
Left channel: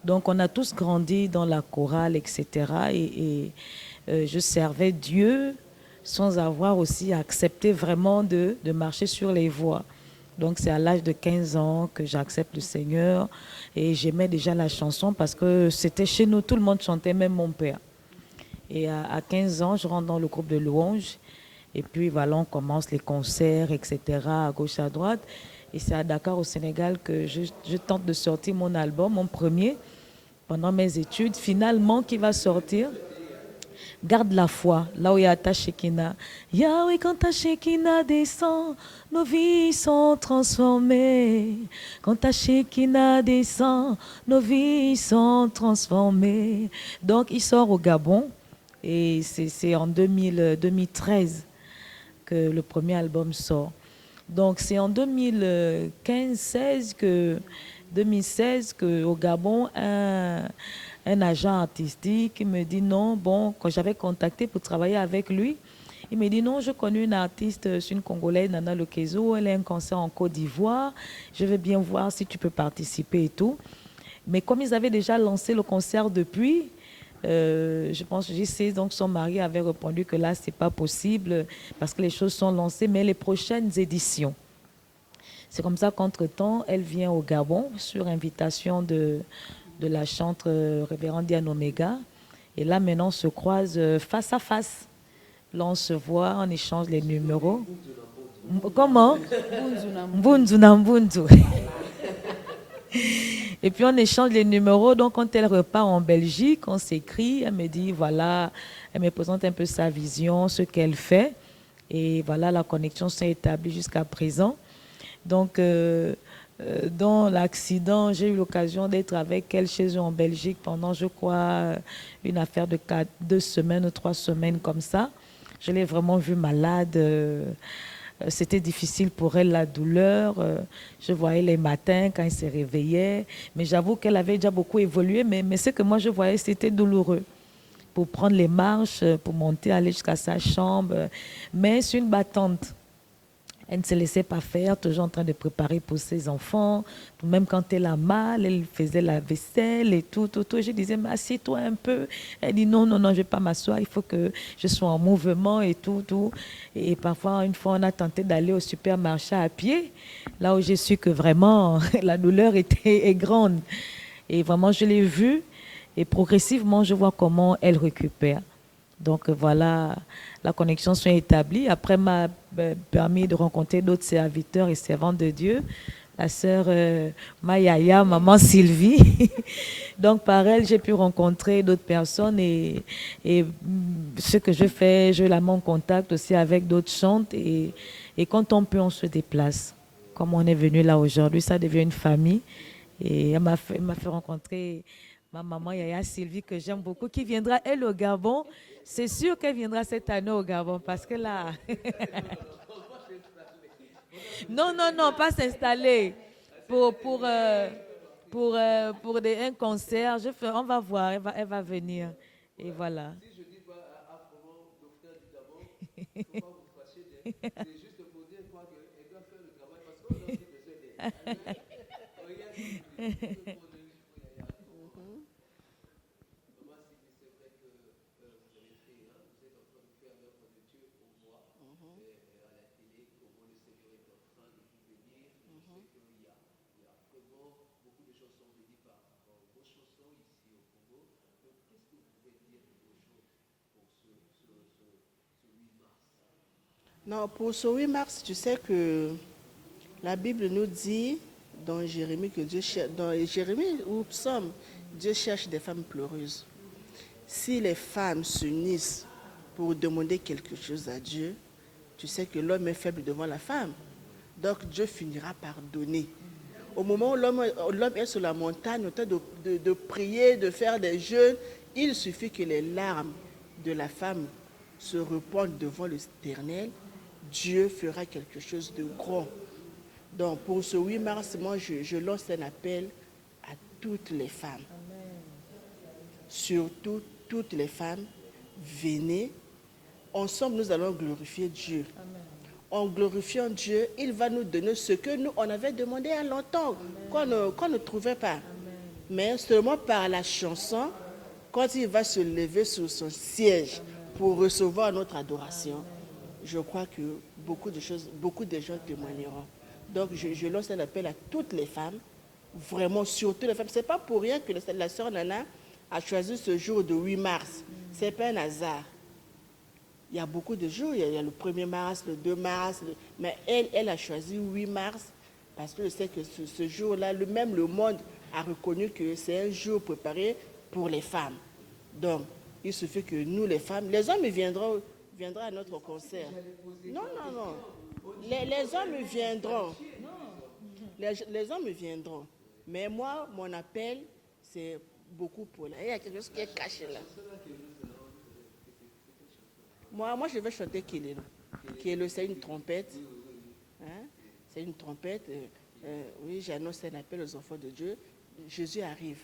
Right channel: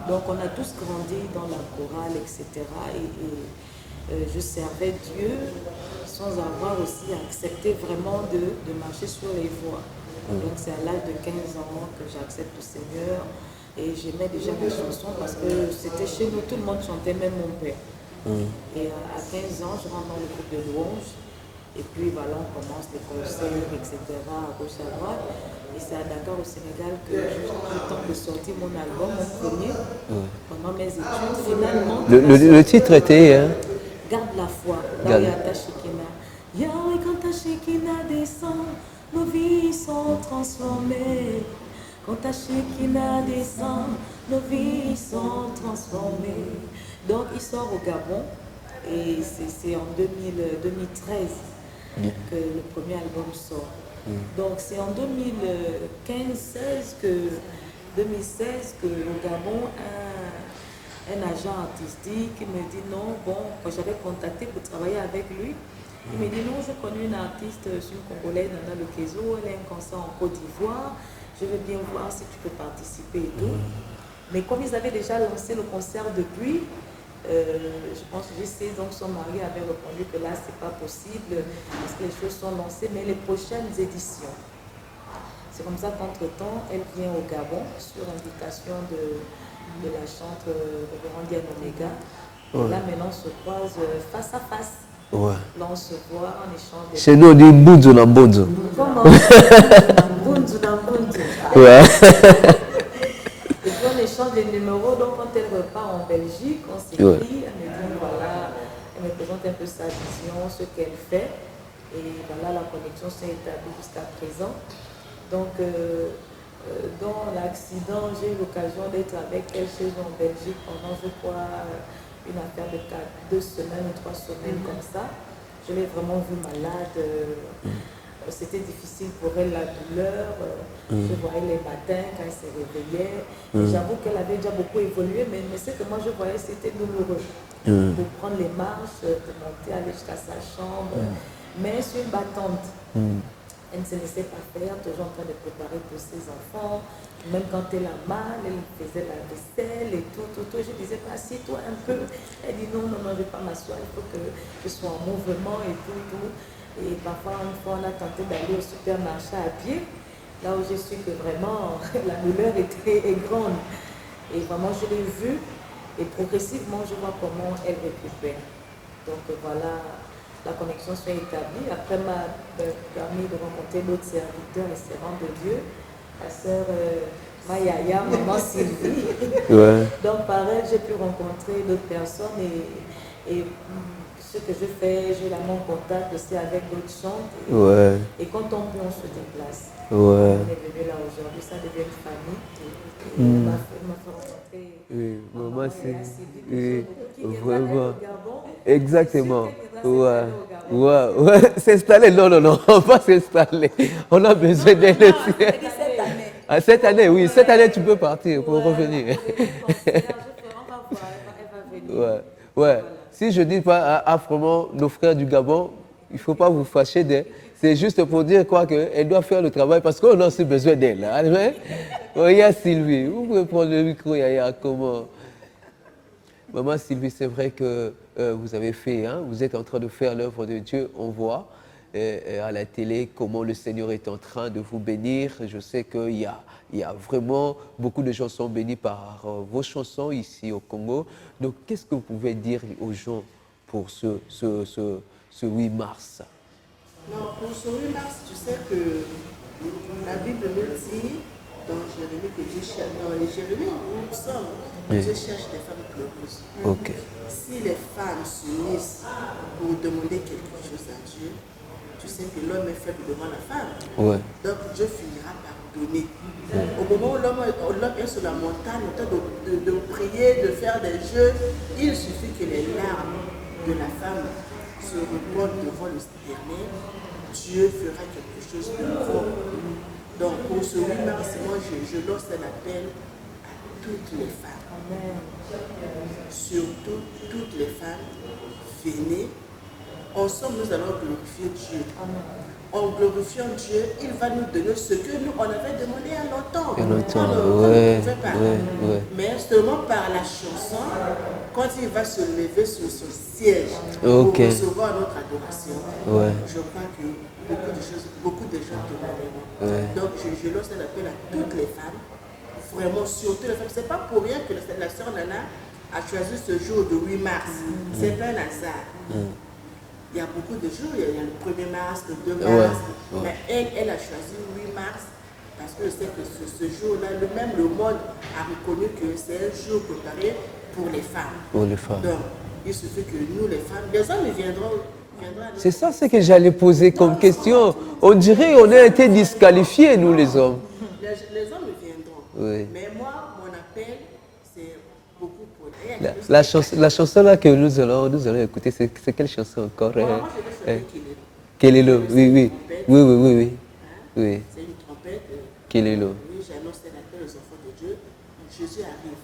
Donc on a tous grandi dans la chorale, etc. Je servais Dieu sans avoir aussi accepté vraiment de marcher sur les voies. Donc c'est à l'âge de 15 ans que j'accepte le Seigneur et j'aimais déjà la chanson parce que c'était chez nous, tout le monde chantait, même mon père. Et à 15 ans, je rentre dans le groupe de louanges et puis voilà, on commence les concerts, etc. à gauche, à droite. Et c'est à Dakar au Sénégal que je tente de sortir mon album, mon premier, pendant mes études. Finalement, le titre était... Hein? Garde la foi, là où il y a ta Shekinah. Yahweh, quand ta Shekinah descend, nos vies sont transformées. Quand ta Shekinah descend, nos vies sont transformées. Donc, il sort au Gabon et c'est en 2013 que le premier album sort. Donc, c'est en 2016 qu'au Gabon, un agent artistique me dit non, bon, quand j'avais contacté pour travailler avec lui, il me dit non, je connais une artiste, c'est une Congolaise, Nana Lekezo, elle a un concert en Côte d'Ivoire, je veux bien voir si tu peux participer et tout. Mais comme ils avaient déjà lancé le concert depuis, je pense que JC, donc son mari avait répondu que là, c'est pas possible parce que les choses sont lancées, mais les prochaines éditions. C'est comme ça qu'entre-temps, elle vient au Gabon sur invitation de la chante révérende Diane Omega. Et là, maintenant, on se croise face à face. Ouais. Là, on se voit, on échange les... Chez nous, on dit Mbunzu na Mbunzu. Comment? Mbunzu na Mbunzu. Ouais. Et puis, on échange les numéros. Donc, quand elle repart en Belgique, on s'écrit. Elle me dit, voilà, elle me présente un peu sa vision, ce qu'elle fait. Et voilà, la connexion s'est établie jusqu'à présent. Donc, dans l'accident, j'ai eu l'occasion d'être avec elle chez eux en Belgique pendant, je crois, une affaire de 2 semaines ou 3 semaines comme ça. Je l'ai vraiment vue malade. C'était difficile pour elle, la douleur. Je voyais les matins quand elle se réveillait. Mais j'avoue qu'elle avait déjà beaucoup évolué. Mais ce que moi je voyais, c'était douloureux. Pour prendre les marches, pour monter, aller jusqu'à sa chambre. Mais c'est une battante. Elle ne se laissait pas faire, toujours en train de préparer pour ses enfants. Même quand elle a mal, elle faisait la vaisselle et tout. Je disais, mais assieds-toi un peu. Elle dit, non, je ne vais pas m'asseoir, il faut que je sois en mouvement et tout. Et parfois, une fois, on a tenté d'aller au supermarché à pied, là où j'ai su que vraiment, la douleur est grande. Et vraiment, je l'ai vue et progressivement, je vois comment elle récupère. Donc voilà, la connexion s'est établie. Après, m'a permis de rencontrer d'autres serviteurs et servantes de Dieu. La sœur Mayaya, maman Sylvie. Ouais. Donc par elle, j'ai pu rencontrer d'autres personnes et ce que je fais, je la mets en contact aussi avec d'autres chantes. Et quand on peut, on se déplace. Comme on est venu là aujourd'hui, ça devient une famille. Et elle m'a fait rencontrer ma maman Yaya Sylvie, que j'aime beaucoup, qui viendra elle au Gabon. Exactement. C'est sûr qu'elle viendra cette année au Gabon. Ouais. S'installer, non, on va s'installer. On a besoin d'elle. Non, pas s'installer. Cette année, oui, cette année tu peux partir pour revenir. Pour des concerts, on va voir, elle va venir. Ouais. Voilà. Si je dis pas vraiment nos frères du Gabon, il ne faut pas vous fâcher d'elle. C'est juste pour dire quoi qu'elle doit faire le travail parce qu'on a aussi besoin d'elle. Il y a Sylvie. Vous pouvez prendre le micro, il y a comment. Maman Sylvie, c'est vrai que vous avez fait, vous êtes en train de faire l'œuvre de Dieu. On voit à la télé comment le Seigneur est en train de vous bénir. Je sais qu'il y a vraiment beaucoup de gens sont bénis par vos chansons ici au Congo. Donc, qu'est-ce que vous pouvez dire aux gens pour ce 8 mars? Non, pour ce 8 mars, tu sais que la Bible nous dit dans Jérémie que Dieu cherche, dans les Jérémie où nous sommes, Dieu cherche des femmes pleureuses. Okay. Si les femmes s'unissent pour demander quelque chose à Dieu, tu sais que l'homme est faible devant la femme. Ouais. Donc Dieu finira par donner. Au moment où l'homme est sur la montagne, au temps de prier, de faire des jeûnes, il suffit que les larmes de la femme se répandent devant l'Éternel. Dieu fera quelque chose de grand. Donc pour ce 8 mars, moi je lance un appel à toutes les femmes. Amen. Surtout toutes les femmes, venez. Ensemble, nous allons glorifier Dieu. Amen. en glorifiant Dieu, il va nous donner ce que nous, on avait demandé à longtemps. Mais seulement par la chanson, quand il va se lever sur son siège pour recevoir notre adoration, je crois que beaucoup de gens demanderont. Donc je lance un appel à toutes les femmes, vraiment surtout les femmes. C'est pas pour rien que la sœur Nana a choisi ce jour de 8 mars. C'est pas un hasard. Il y a beaucoup de jours, il y a le 1er mars, le 2 mars, mais elle a choisi 8 mars parce que c'est que ce jour-là, même le monde a reconnu que c'est un jour préparé pour les femmes. Donc, il suffit que nous, les femmes, les hommes viendront c'est ça ce que j'allais poser comme question. On dirait qu'on a été disqualifiés, nous les hommes. Les hommes viendront. Mais moi, mon appel, c'est beaucoup pour... La chanson là que nous allons écouter, c'est quelle chanson encore? Moi, je vais chanter Kelelo. Oui. C'est une trompette. Kelelo. Oui, j'annonce un appel aux enfants de Dieu. Jésus arrive.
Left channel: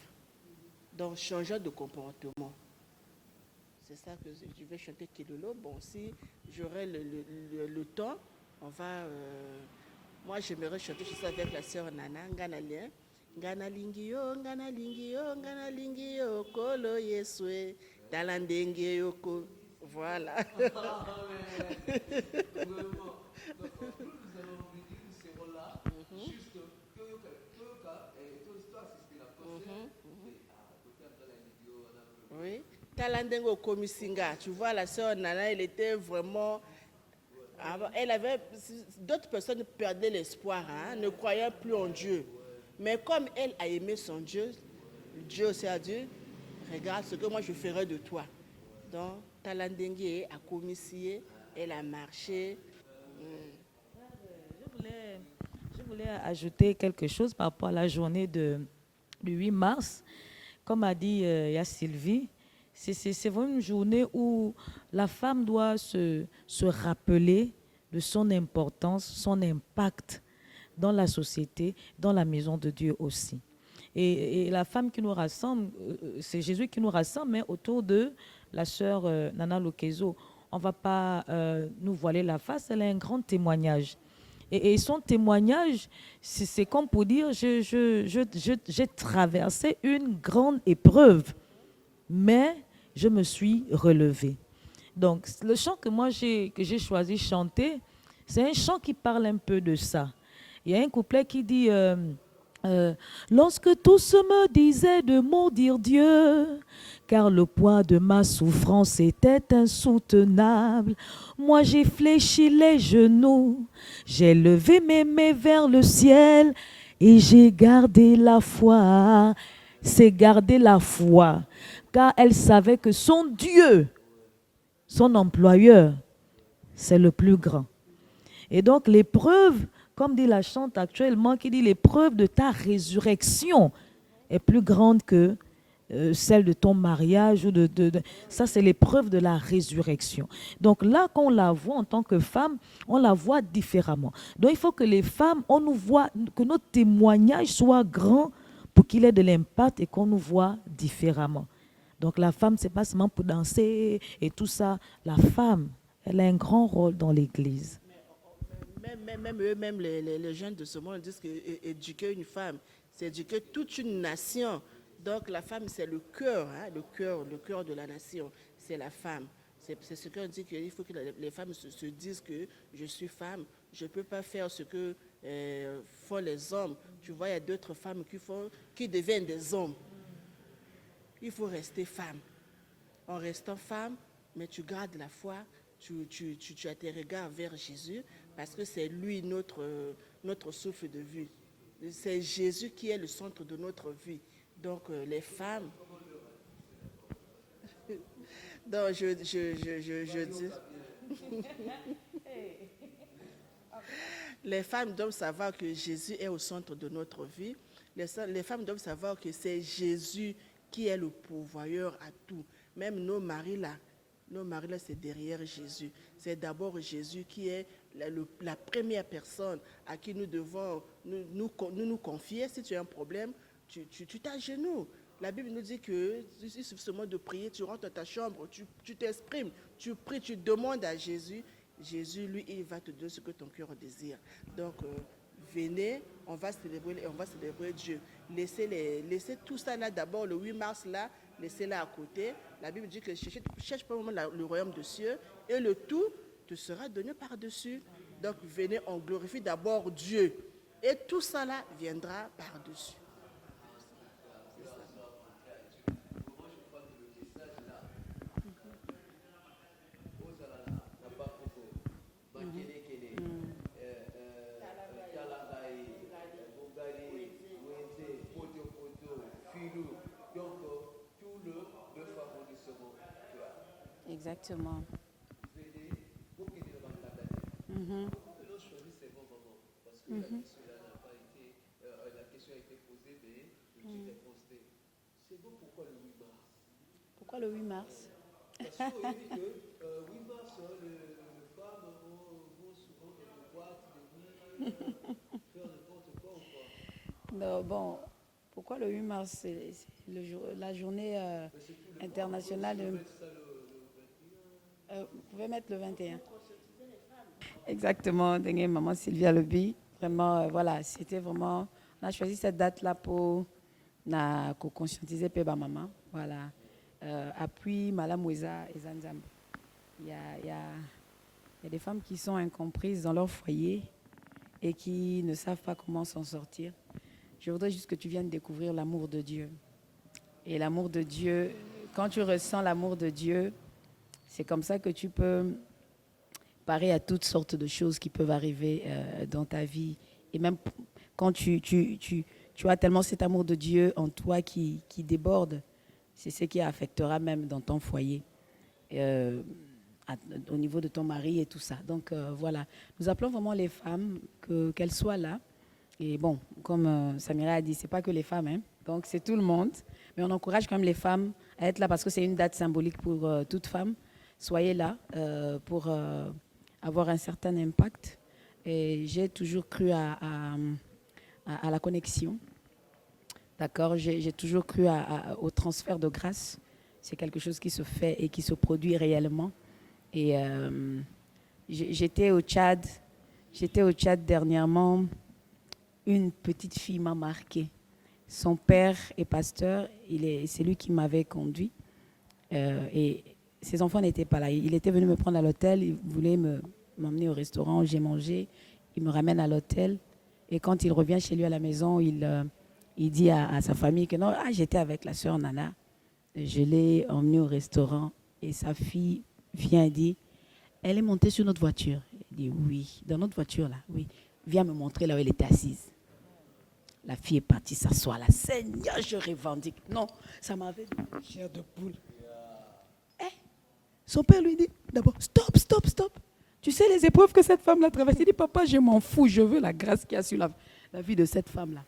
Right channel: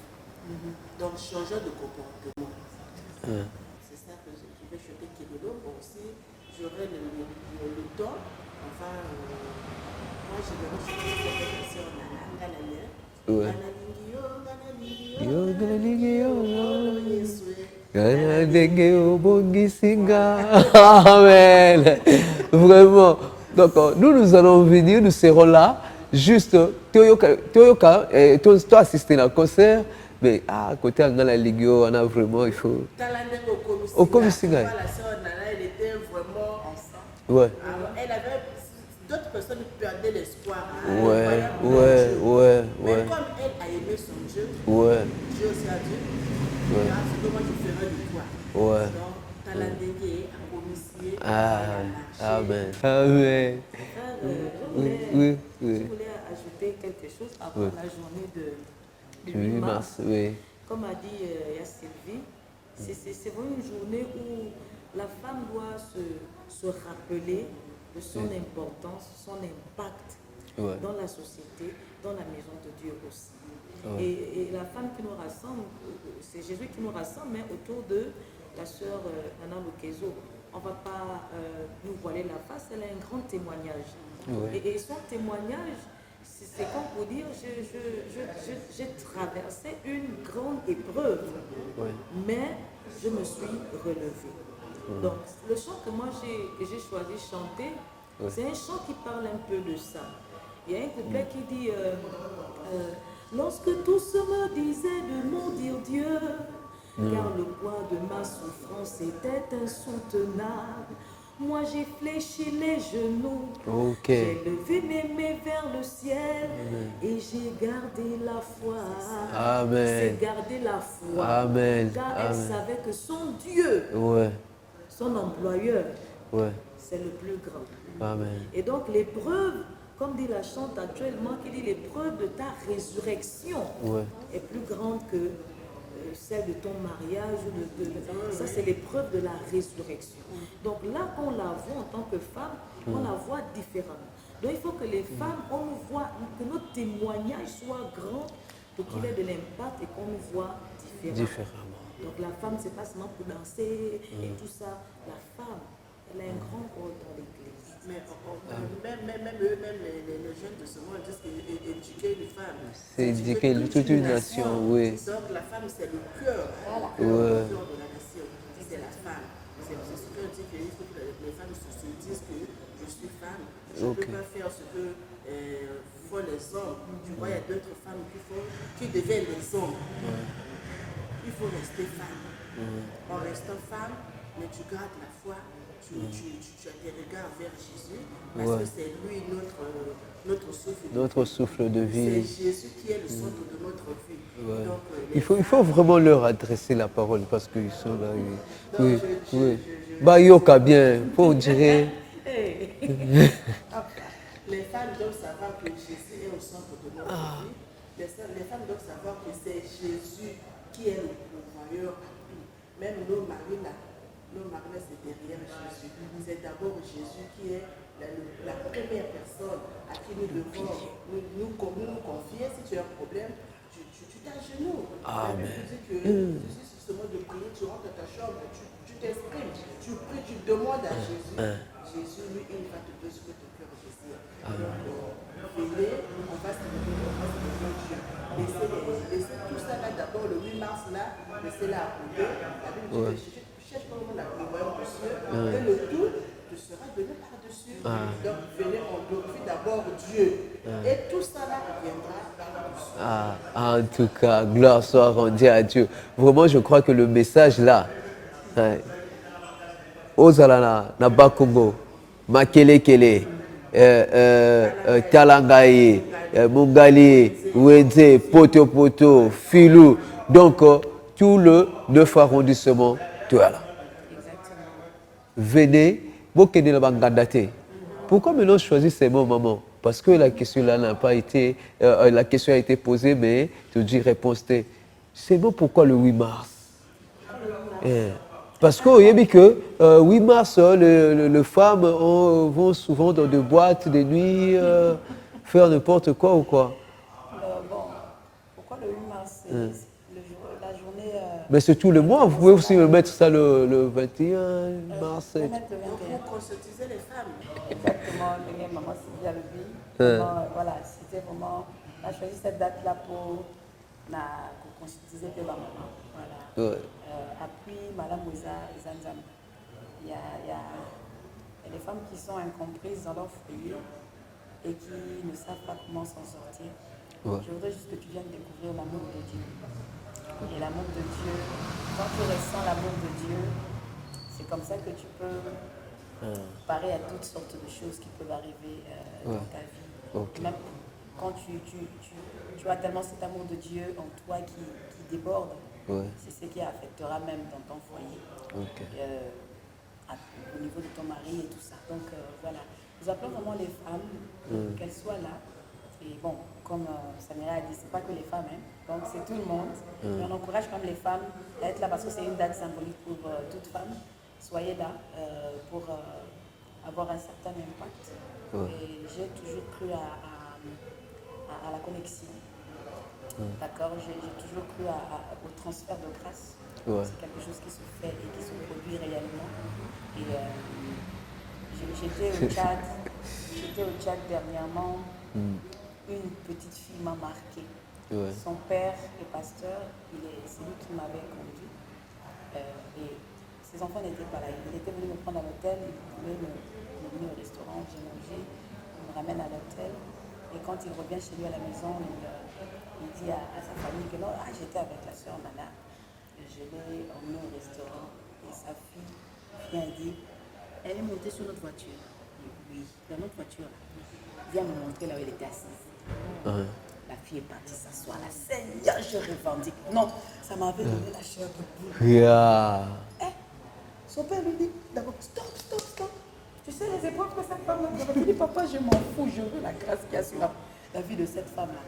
Donc, changeons de comportement. C'est ça que je vais chanter Kelelo. Bon, si j'aurai le temps, enfin, moi, je vais chanter cette version Nana, Nganalia. Amen. Vraiment. Donc, nous allons venir, nous serons là. Juste, tu as assisté à un concert, mais à côté de la Ligue, on a vraiment, il faut. Au Komissinga. La sœur Nana, elle était vraiment. Elle avait. D'autres personnes perdaient l'espoir. Mais comme elle a aimé son Dieu, Dieu aussi a dit, ce que moi je ferai de toi. Donc, Talandeke a commissionné, elle a marché. Amen. Je voulais ajouter quelque chose par rapport à la journée de 8 mars. Comme a dit Sylvie, c'est vraiment une journée où la femme doit se rappeler de son importance, son impact dans la société, dans la maison de Dieu aussi. Et la femme qui nous rassemble, c'est Jésus qui nous rassemble, mais autour de la sœur Nana Lokezo. On ne va pas nous voiler la face, elle a un grand témoignage. Et son témoignage, c'est comme pour dire, j'ai traversé une grande épreuve, mais je me suis relevée. Donc, le chant que j'ai choisi de chanter, c'est un chant qui parle un peu de ça. Il y a un couplet qui dit lorsque tous me disaient de maudire Dieu, car le poids de ma souffrance était insoutenable, moi j'ai fléchi les genoux, j'ai levé mes mains vers le ciel et j'ai gardé la foi. C'est garder la foi, car elle savait que son Dieu, son employeur, c'est le plus grand. Et donc l'épreuve, comme dit la chante actuellement, qui dit l'épreuve de ta résurrection est plus grande que celle de ton mariage. Ça, c'est l'épreuve de la résurrection. Donc là, quand on la voit en tant que femme, on la voit différemment. Donc il faut que les femmes, on nous voit, que notre témoignage soit grand pour qu'il ait de l'impact et qu'on nous voit différemment. Donc la femme, c'est pas seulement pour danser et tout ça. La femme, elle a un grand rôle dans l'Église. Même les jeunes de ce monde disent qu'éduquer une femme, c'est éduquer toute une nation. Donc la femme, c'est le cœur, le cœur de la nation. C'est la femme. C'est ce qu'on dit qu'il faut que les femmes se disent que je suis femme. Je ne peux pas faire ce que font les hommes. Tu vois, il y a d'autres femmes qui deviennent des hommes. Il faut rester femme. En restant femme, mais tu gardes la foi. Tu as tes regards vers Jésus, parce que c'est lui notre souffle de vie. C'est Jésus qui est le centre de notre vie. Donc, il faut vraiment leur adresser la parole, parce qu'ils sont là. Yoka bien, on dirait. Les femmes doivent savoir que Jésus est au centre de notre vie. Les femmes doivent savoir que c'est Jésus qui est le pourvoyeur à tout. Même nos maris là, c'est derrière Jésus. C'est d'abord Jésus qui est la première personne à qui nous devons nous confier. Si tu as un problème, tu t'agenouilles. La Bible dit que sur ce moment de prier, tu rentres dans ta chambre, tu t'exprimes, tu pries, tu demandes à Jésus. Jésus, lui, il va te donner ce que ton cœur désire. Donc, venez, on va célébrer Dieu. Laissez tout ça là d'abord, le 8 mars là, laissez-la à côté. La Bible dit que cherche pas vraiment le royaume des cieux, et le tout te sera donné par-dessus. Donc, venez, on glorifie d'abord Dieu. Et tout ça là viendra par-dessus. En tout cas, gloire soit rendue à Dieu. Vraiment, je crois que le message là, Ozalana, Nabakongo, Makelekele, Talangaye, Mungali, Wende, Poto, Filou. Donc, tout le 9 arrondissement, tout là. Exactement. Venez, Bokene la Bangandate. Pourquoi maintenant choisir ces mots, maman? Parce que la question là n'a pas été, la question a été posée, mais tu dis réponse. C'est bon, pourquoi le 8 mars? Parce qu'on a vu que 8 mars, les femmes vont souvent dans des boîtes de nuit, faire n'importe quoi ou quoi. Bon, pourquoi le 8 mars? C'est la journée... Mais c'est tout le mois, vous pouvez aussi mettre ça le 21 mars. Vous mettre le 21. Pour conscientiser les femmes. Exactement, maman Sylvia Leby. Voilà, c'était vraiment... On a choisi cette date-là pour conscientiser ma maman. Voilà. Appuie Madame Ouza et Zanzam. Il y a des femmes qui sont incomprises dans leur foyer et qui ne savent pas comment s'en sortir. Je voudrais juste que tu viennes découvrir l'amour de Dieu. Et l'amour de Dieu, quand tu ressens l'amour de Dieu, c'est comme ça que tu peux parer à toutes sortes de choses qui peuvent arriver dans ta vie. Et même quand tu as tellement cet amour de Dieu en toi qui déborde, c'est ce qui affectera même dans ton foyer, au niveau de ton mari et tout ça. Donc voilà, nous appelons vraiment les femmes qu'elles soient là. Et bon, comme Samira a dit, c'est pas que les femmes, hein. Donc c'est tout le monde. Mais on encourage quand même les femmes à être là parce que c'est une date symbolique pour toute femme. Soyez là pour avoir un certain impact. Et j'ai toujours cru à la connexion. D'accord, j'ai toujours cru au transfert de grâce. C'est quelque chose qui se fait et qui se produit réellement. Et j'étais au Tchad. Dernièrement. Une petite fille m'a marqué. Son père est pasteur. C'est lui qui m'avait conduit. Et ses enfants n'étaient pas là. Il était venu me prendre à l'hôtel. Il voulait m'emmener au restaurant. J'ai mangé. Il me ramène à l'hôtel. Et quand il revient chez lui à la maison, il dit à sa famille que non, j'étais avec la sœur Nana. Je l'ai emmenée au restaurant. Et sa fille vient et dit, elle est montée sur notre voiture. Il dit oui, dans notre voiture là, oui. Viens me montrer là où elle était assise. La fille est partie s'asseoir là. Seigneur, je revendique. Non, ça m'avait donné la chair de poule. Son père lui dit d'abord, stop. Tu sais les épreuves que cette femme-là traverse. Il dit, papa, je m'en fous, je veux la grâce qu'il y a sur la vie de cette femme-là.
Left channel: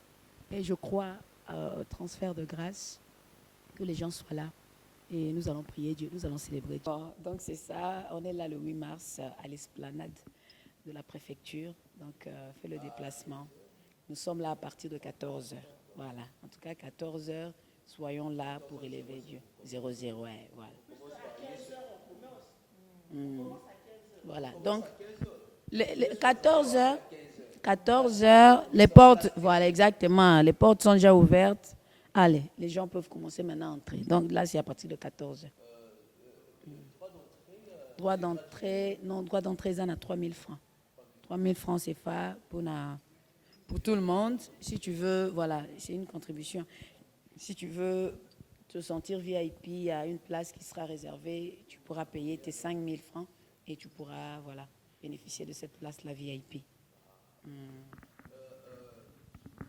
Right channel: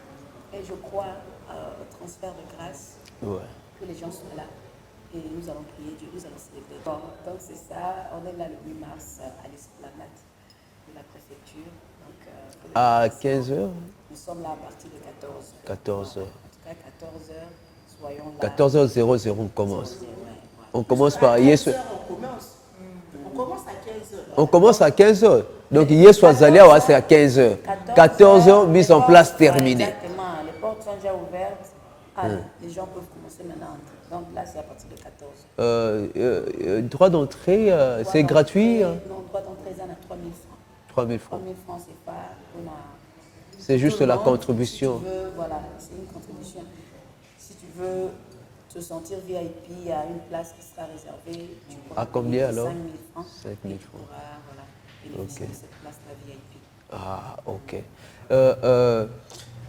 Et je crois au transfert de grâce, que les gens soient là. Et nous allons prier Dieu, nous allons célébrer. Bon, donc c'est ça, on est là le 8 mars à l'esplanade de la préfecture. Donc, à 15h. Nous sommes là à partir de 14h. 14h. Voilà. En tout cas, 14h, soyons là. 14h00, on commence. 00, voilà. On commence par... On commence à 15h. On commence à 15h. Donc, hier soir, Zalia, c'est à 15h. 14h, mise en place terminée. Exactement, les portes sont déjà ouvertes. Allez, les gens peuvent commencer maintenant à entrer. Donc là, c'est à partir de 14h. Droit d'entrée, c'est gratuit? Non, droit d'entrée, ça, on a 3 000 francs. 3 000 francs. 3 000 francs, c'est pas. C'est juste la contribution. Si tu veux, voilà, c'est une contribution. Si tu veux te sentir VIP, il y a une place qui sera réservée. Tu pourras à combien alors? 5 000 francs. 5 000 et tu pourras bénéficier de cette place-là VIP. Ah, ok.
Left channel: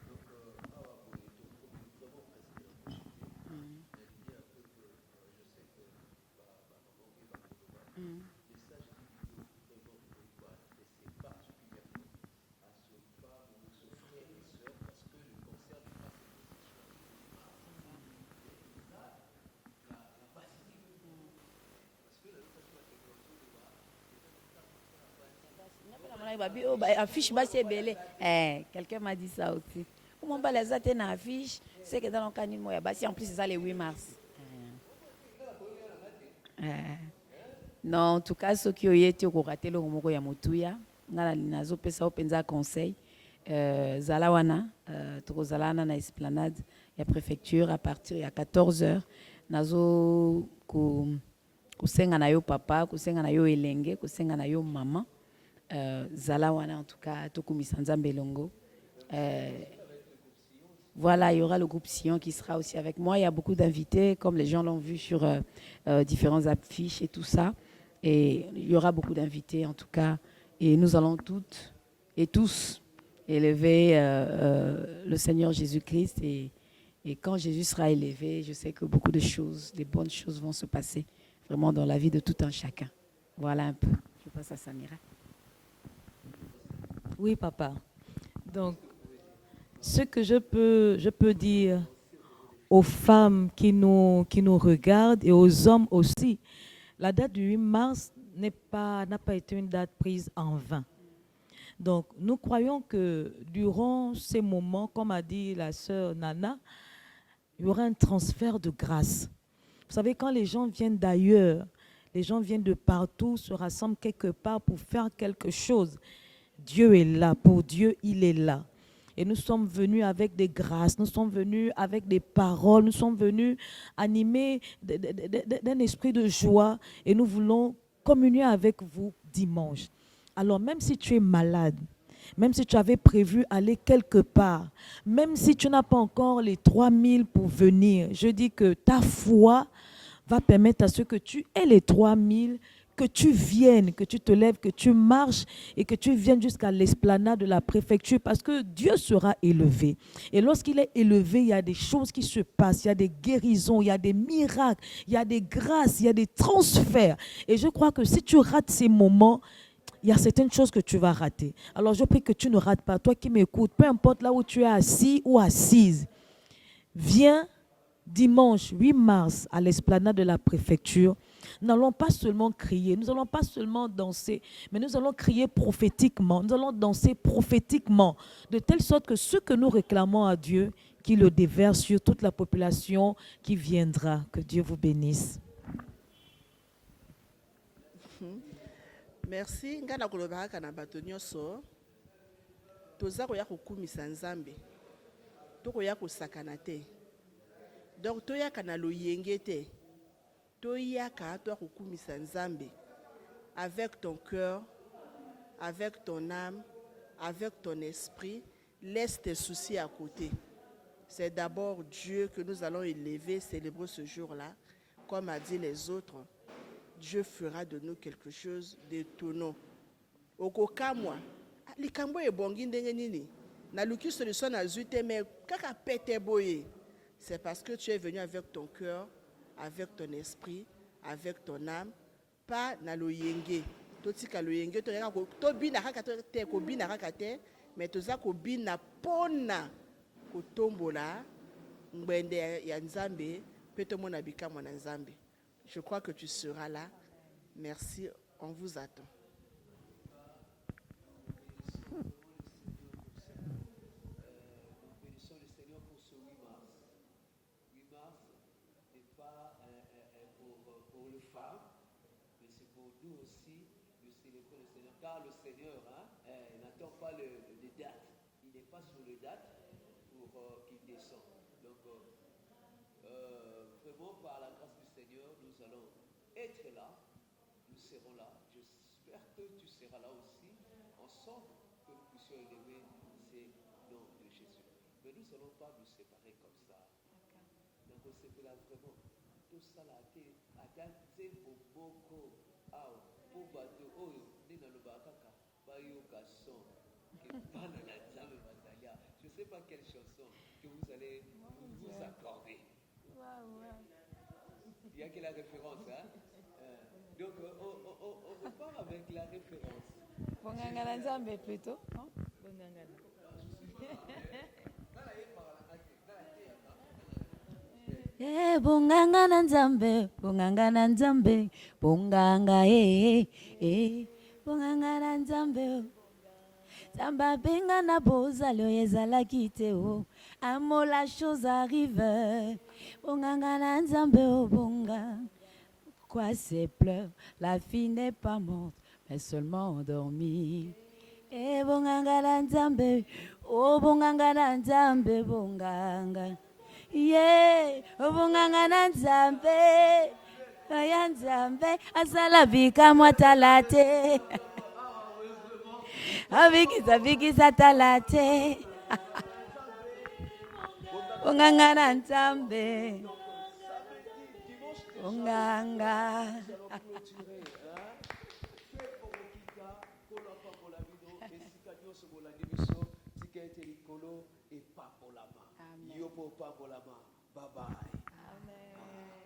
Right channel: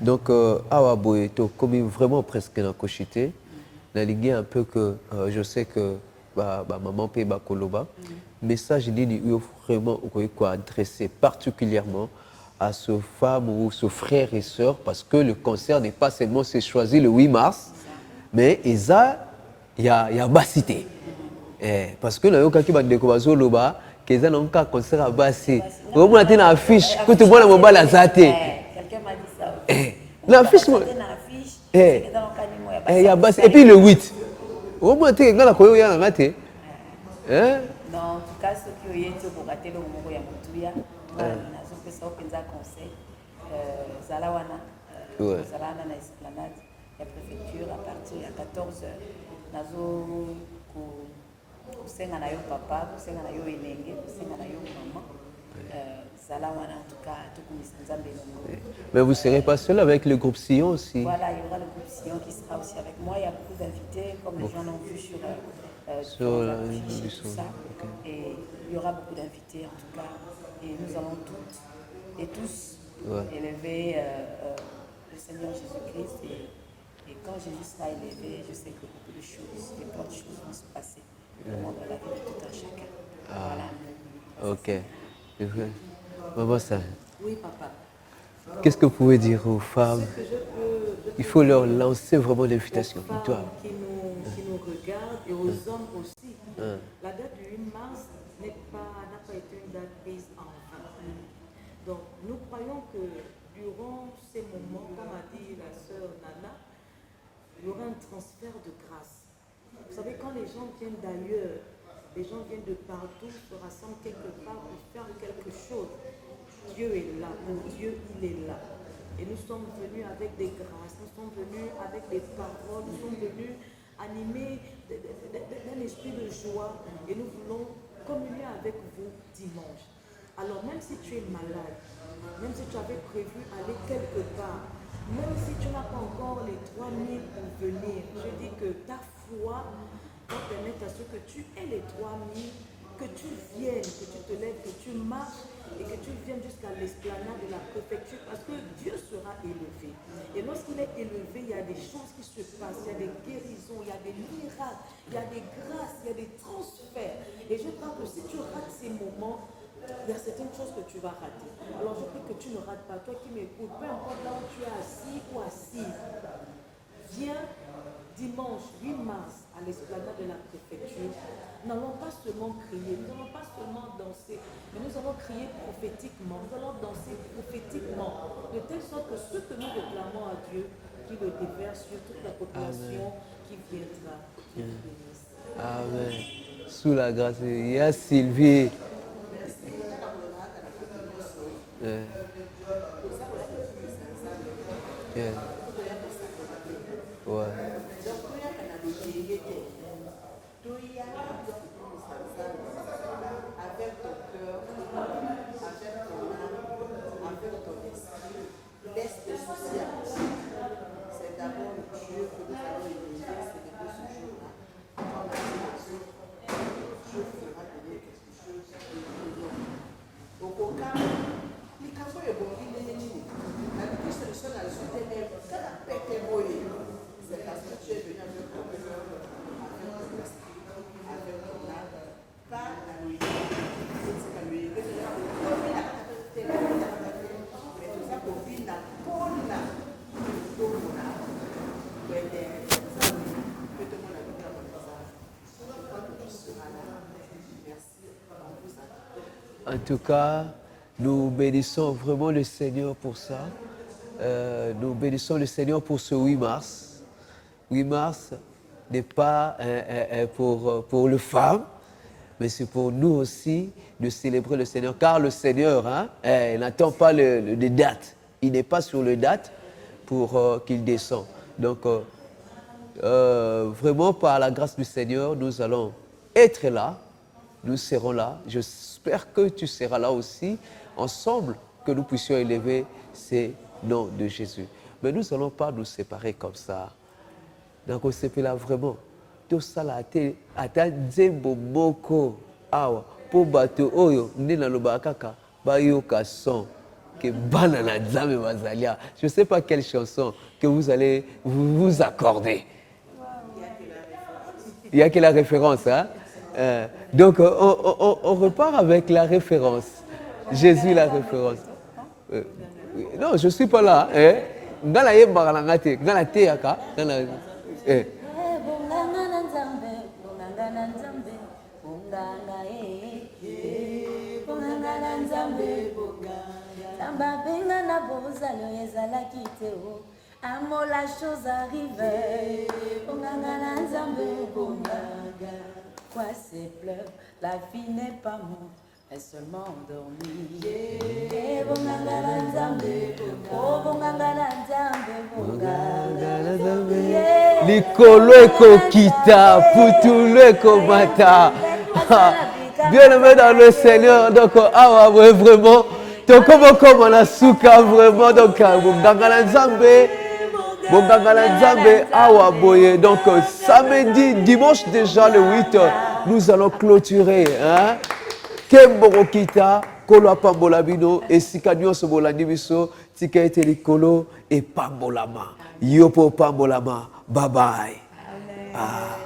Donc, Awa Boeto, comme vraiment presque dans Kochité, la ligne un peu que je sais que maman paye Bakoloba, message dit vraiment adressé particulièrement à ce femme ou ce frère et sœur, parce que le concert n'est pas seulement c'est choisi le 8 mars, mais il y a Bassité. Parce que nous avons découvert Loba, qu'ils ont un concert à Bassé. Vous avez une affiche, que tout le monde a mobile à Zate. Quelqu'un m'a dit ça aussi. L'affiche, c'est que dans le canimo, il y a Bassé. Et puis le 8. Vous avez une affiche, Hein? Non, en tout cas, ceux qui ont été ratés le Romogo Yamotuya, nazo pesa openza conseil. Zalawana, Zalana na esplanade, la préfecture à partir de 14h. Nazo kusenga na yo papa, kusenga na yo elenge, kusenga na yo maman. Zalawana en tout cas, Tokumisa Nzambe Longo. Mais vous ne serez pas seul avec le groupe Sion aussi? Voilà, il y aura le groupe Sion qui sera aussi avec moi. Il y a beaucoup d'invités, comme les gens l'ont vu sur différentes affiches et tout ça. Et il y aura beaucoup d'invités en tout cas. Et nous allons toutes et tous élever le Seigneur Jésus-Christ. Et quand Jésus sera élevé, je sais que beaucoup de choses, des bonnes choses vont se passer vraiment dans la vie de tout un chacun. Voilà un peu. Ok. Maman, ça. Oui, papa. Qu'est-ce que vous pouvez dire aux femmes? Ce que je peux Il faut dire leur lancer vraiment l'invitation. aux femmes qui nous regardent et aux hommes aussi. La date du 8 mars n'a pas été une date prise en vain. Donc, nous croyons que durant ces moments, comme a dit la sœur Nana, il y aura un transfert de grâce. Vous savez, quand les gens viennent d'ailleurs, les gens viennent de partout, se rassemblent quelque part pour faire quelque chose. Dieu est là, pour Dieu, il est là. Et nous sommes venus avec des grâces, nous sommes venus avec des paroles, nous sommes venus animés d'un esprit de joie et nous voulons communier avec vous dimanche. Alors même si tu es malade, même si tu avais prévu aller quelque part, même si tu n'as pas encore les 3000 pour venir, je dis que ta foi va permettre à ce que tu aies les 3000, que tu viennes, que tu te lèves, que tu marches et que tu viennes jusqu'à l'esplanade de la préfecture parce que Dieu sera élevé. Et lorsqu'il est élevé, il y a des choses qui se passent, il y a des guérisons, il y a des miracles, il y a des grâces, il y a des transferts. Et je crois que si tu rates ces moments, il y a certaines choses que tu vas rater. Alors je prie que tu ne rates pas. Toi qui m'écoutes, peu importe là où tu es assis ou assise, viens dimanche 8 mars à l'esplanade de la préfecture. Nous n'allons pas seulement crier, nous n'allons pas seulement danser, mais nous allons crier prophétiquement, nous allons danser prophétiquement, de telle sorte que ce que nous réclamons à Dieu, qu'il le déverse sur toute la population qui viendra. Que Dieu vous bénisse. Amen. Sous la grâce, il y a Sylvie. Merci. Ngana kolobaka na bato nyonso. Toza koya kokumisa Nzambe. Koya kosakana te. Donc toyaka na loyenge te. Toyaka doit kokumisa Nzambe avec ton cœur, avec ton âme, avec ton esprit. Laisse tes soucis à côté. C'est d'abord Dieu que nous allons élever, célébrer ce jour-là. Comme a dit les autres, Dieu fera de nous quelque chose de nous. Okokamo, likambo ebongi ndenge nini. Na luki solution na zute mais kaka pete boye. C'est parce que tu es venu avec ton cœur, avec ton esprit, avec ton âme, pas na loyenge. Kotika loyenge to ya ko bina kaka te ko bina kaka te, mais to za ko bina pona to mona. Bende ya Nzambe, peut-être mon avis comme mon Nzambe. Je crois que tu seras là. Merci, on vous attend. En tout cas, nous bénissons vraiment le Seigneur pour ça. Nous bénissons le Seigneur pour ce 8 mars. 8 mars n'est pas pour les femmes, mais c'est pour nous aussi de célébrer le Seigneur. Car le Seigneur n'attend pas les dates. Il n'est pas sur les dates pour qu'il descende. Donc, vraiment, par la grâce du Seigneur, nous allons être là. Nous serons là. J'espère que tu seras là aussi, ensemble, que nous puissions élever ces noms de Jésus. Mais nous n'allons pas nous séparer comme ça. Donc, on s'est là vraiment. Tout ça, là, ata nzembo moko awa po bato oyo ndena lobakaka bayoka son que banana nzambe bazalia. Je ne sais pas quelle chanson que vous allez vous accorder. Il n'y a que la référence, hein? Donc, on repart avec la référence. Jésus, la référence. Non, je ne suis pas là. Ngala yemba ngate, ngala teaka, ngala. Bunganga na Nzambe, bunganga na Nzambe, bunganga bunganga na Nzambe, Nzamba benga na bozalo ezalaki te o, amo la chose arrive, bunganga na Nzambe, bunganga. Quoi ces pleurs? La fille n'est pas morte, mais seulement endormie. Eh bonganga la nzambe, oh bonganga la nzambe, bonganga la nzambe. Likolo ekokita, putulu ekomata. Bien aimé dans le Seigneur, donc ah ouais vraiment. Donc comme on a souka vraiment donc bonganga la nzambe. Bonganga Nzambe awa boye. Donc samedi, dimanche déjà le 8, nous allons clôturer. Hein? Kemborokita, Kolo Pambolabino, et Sikanyo Sobolani Biso, Tika ete likolo et Pambolama. Yopo Pambolama. Bye bye. Ah.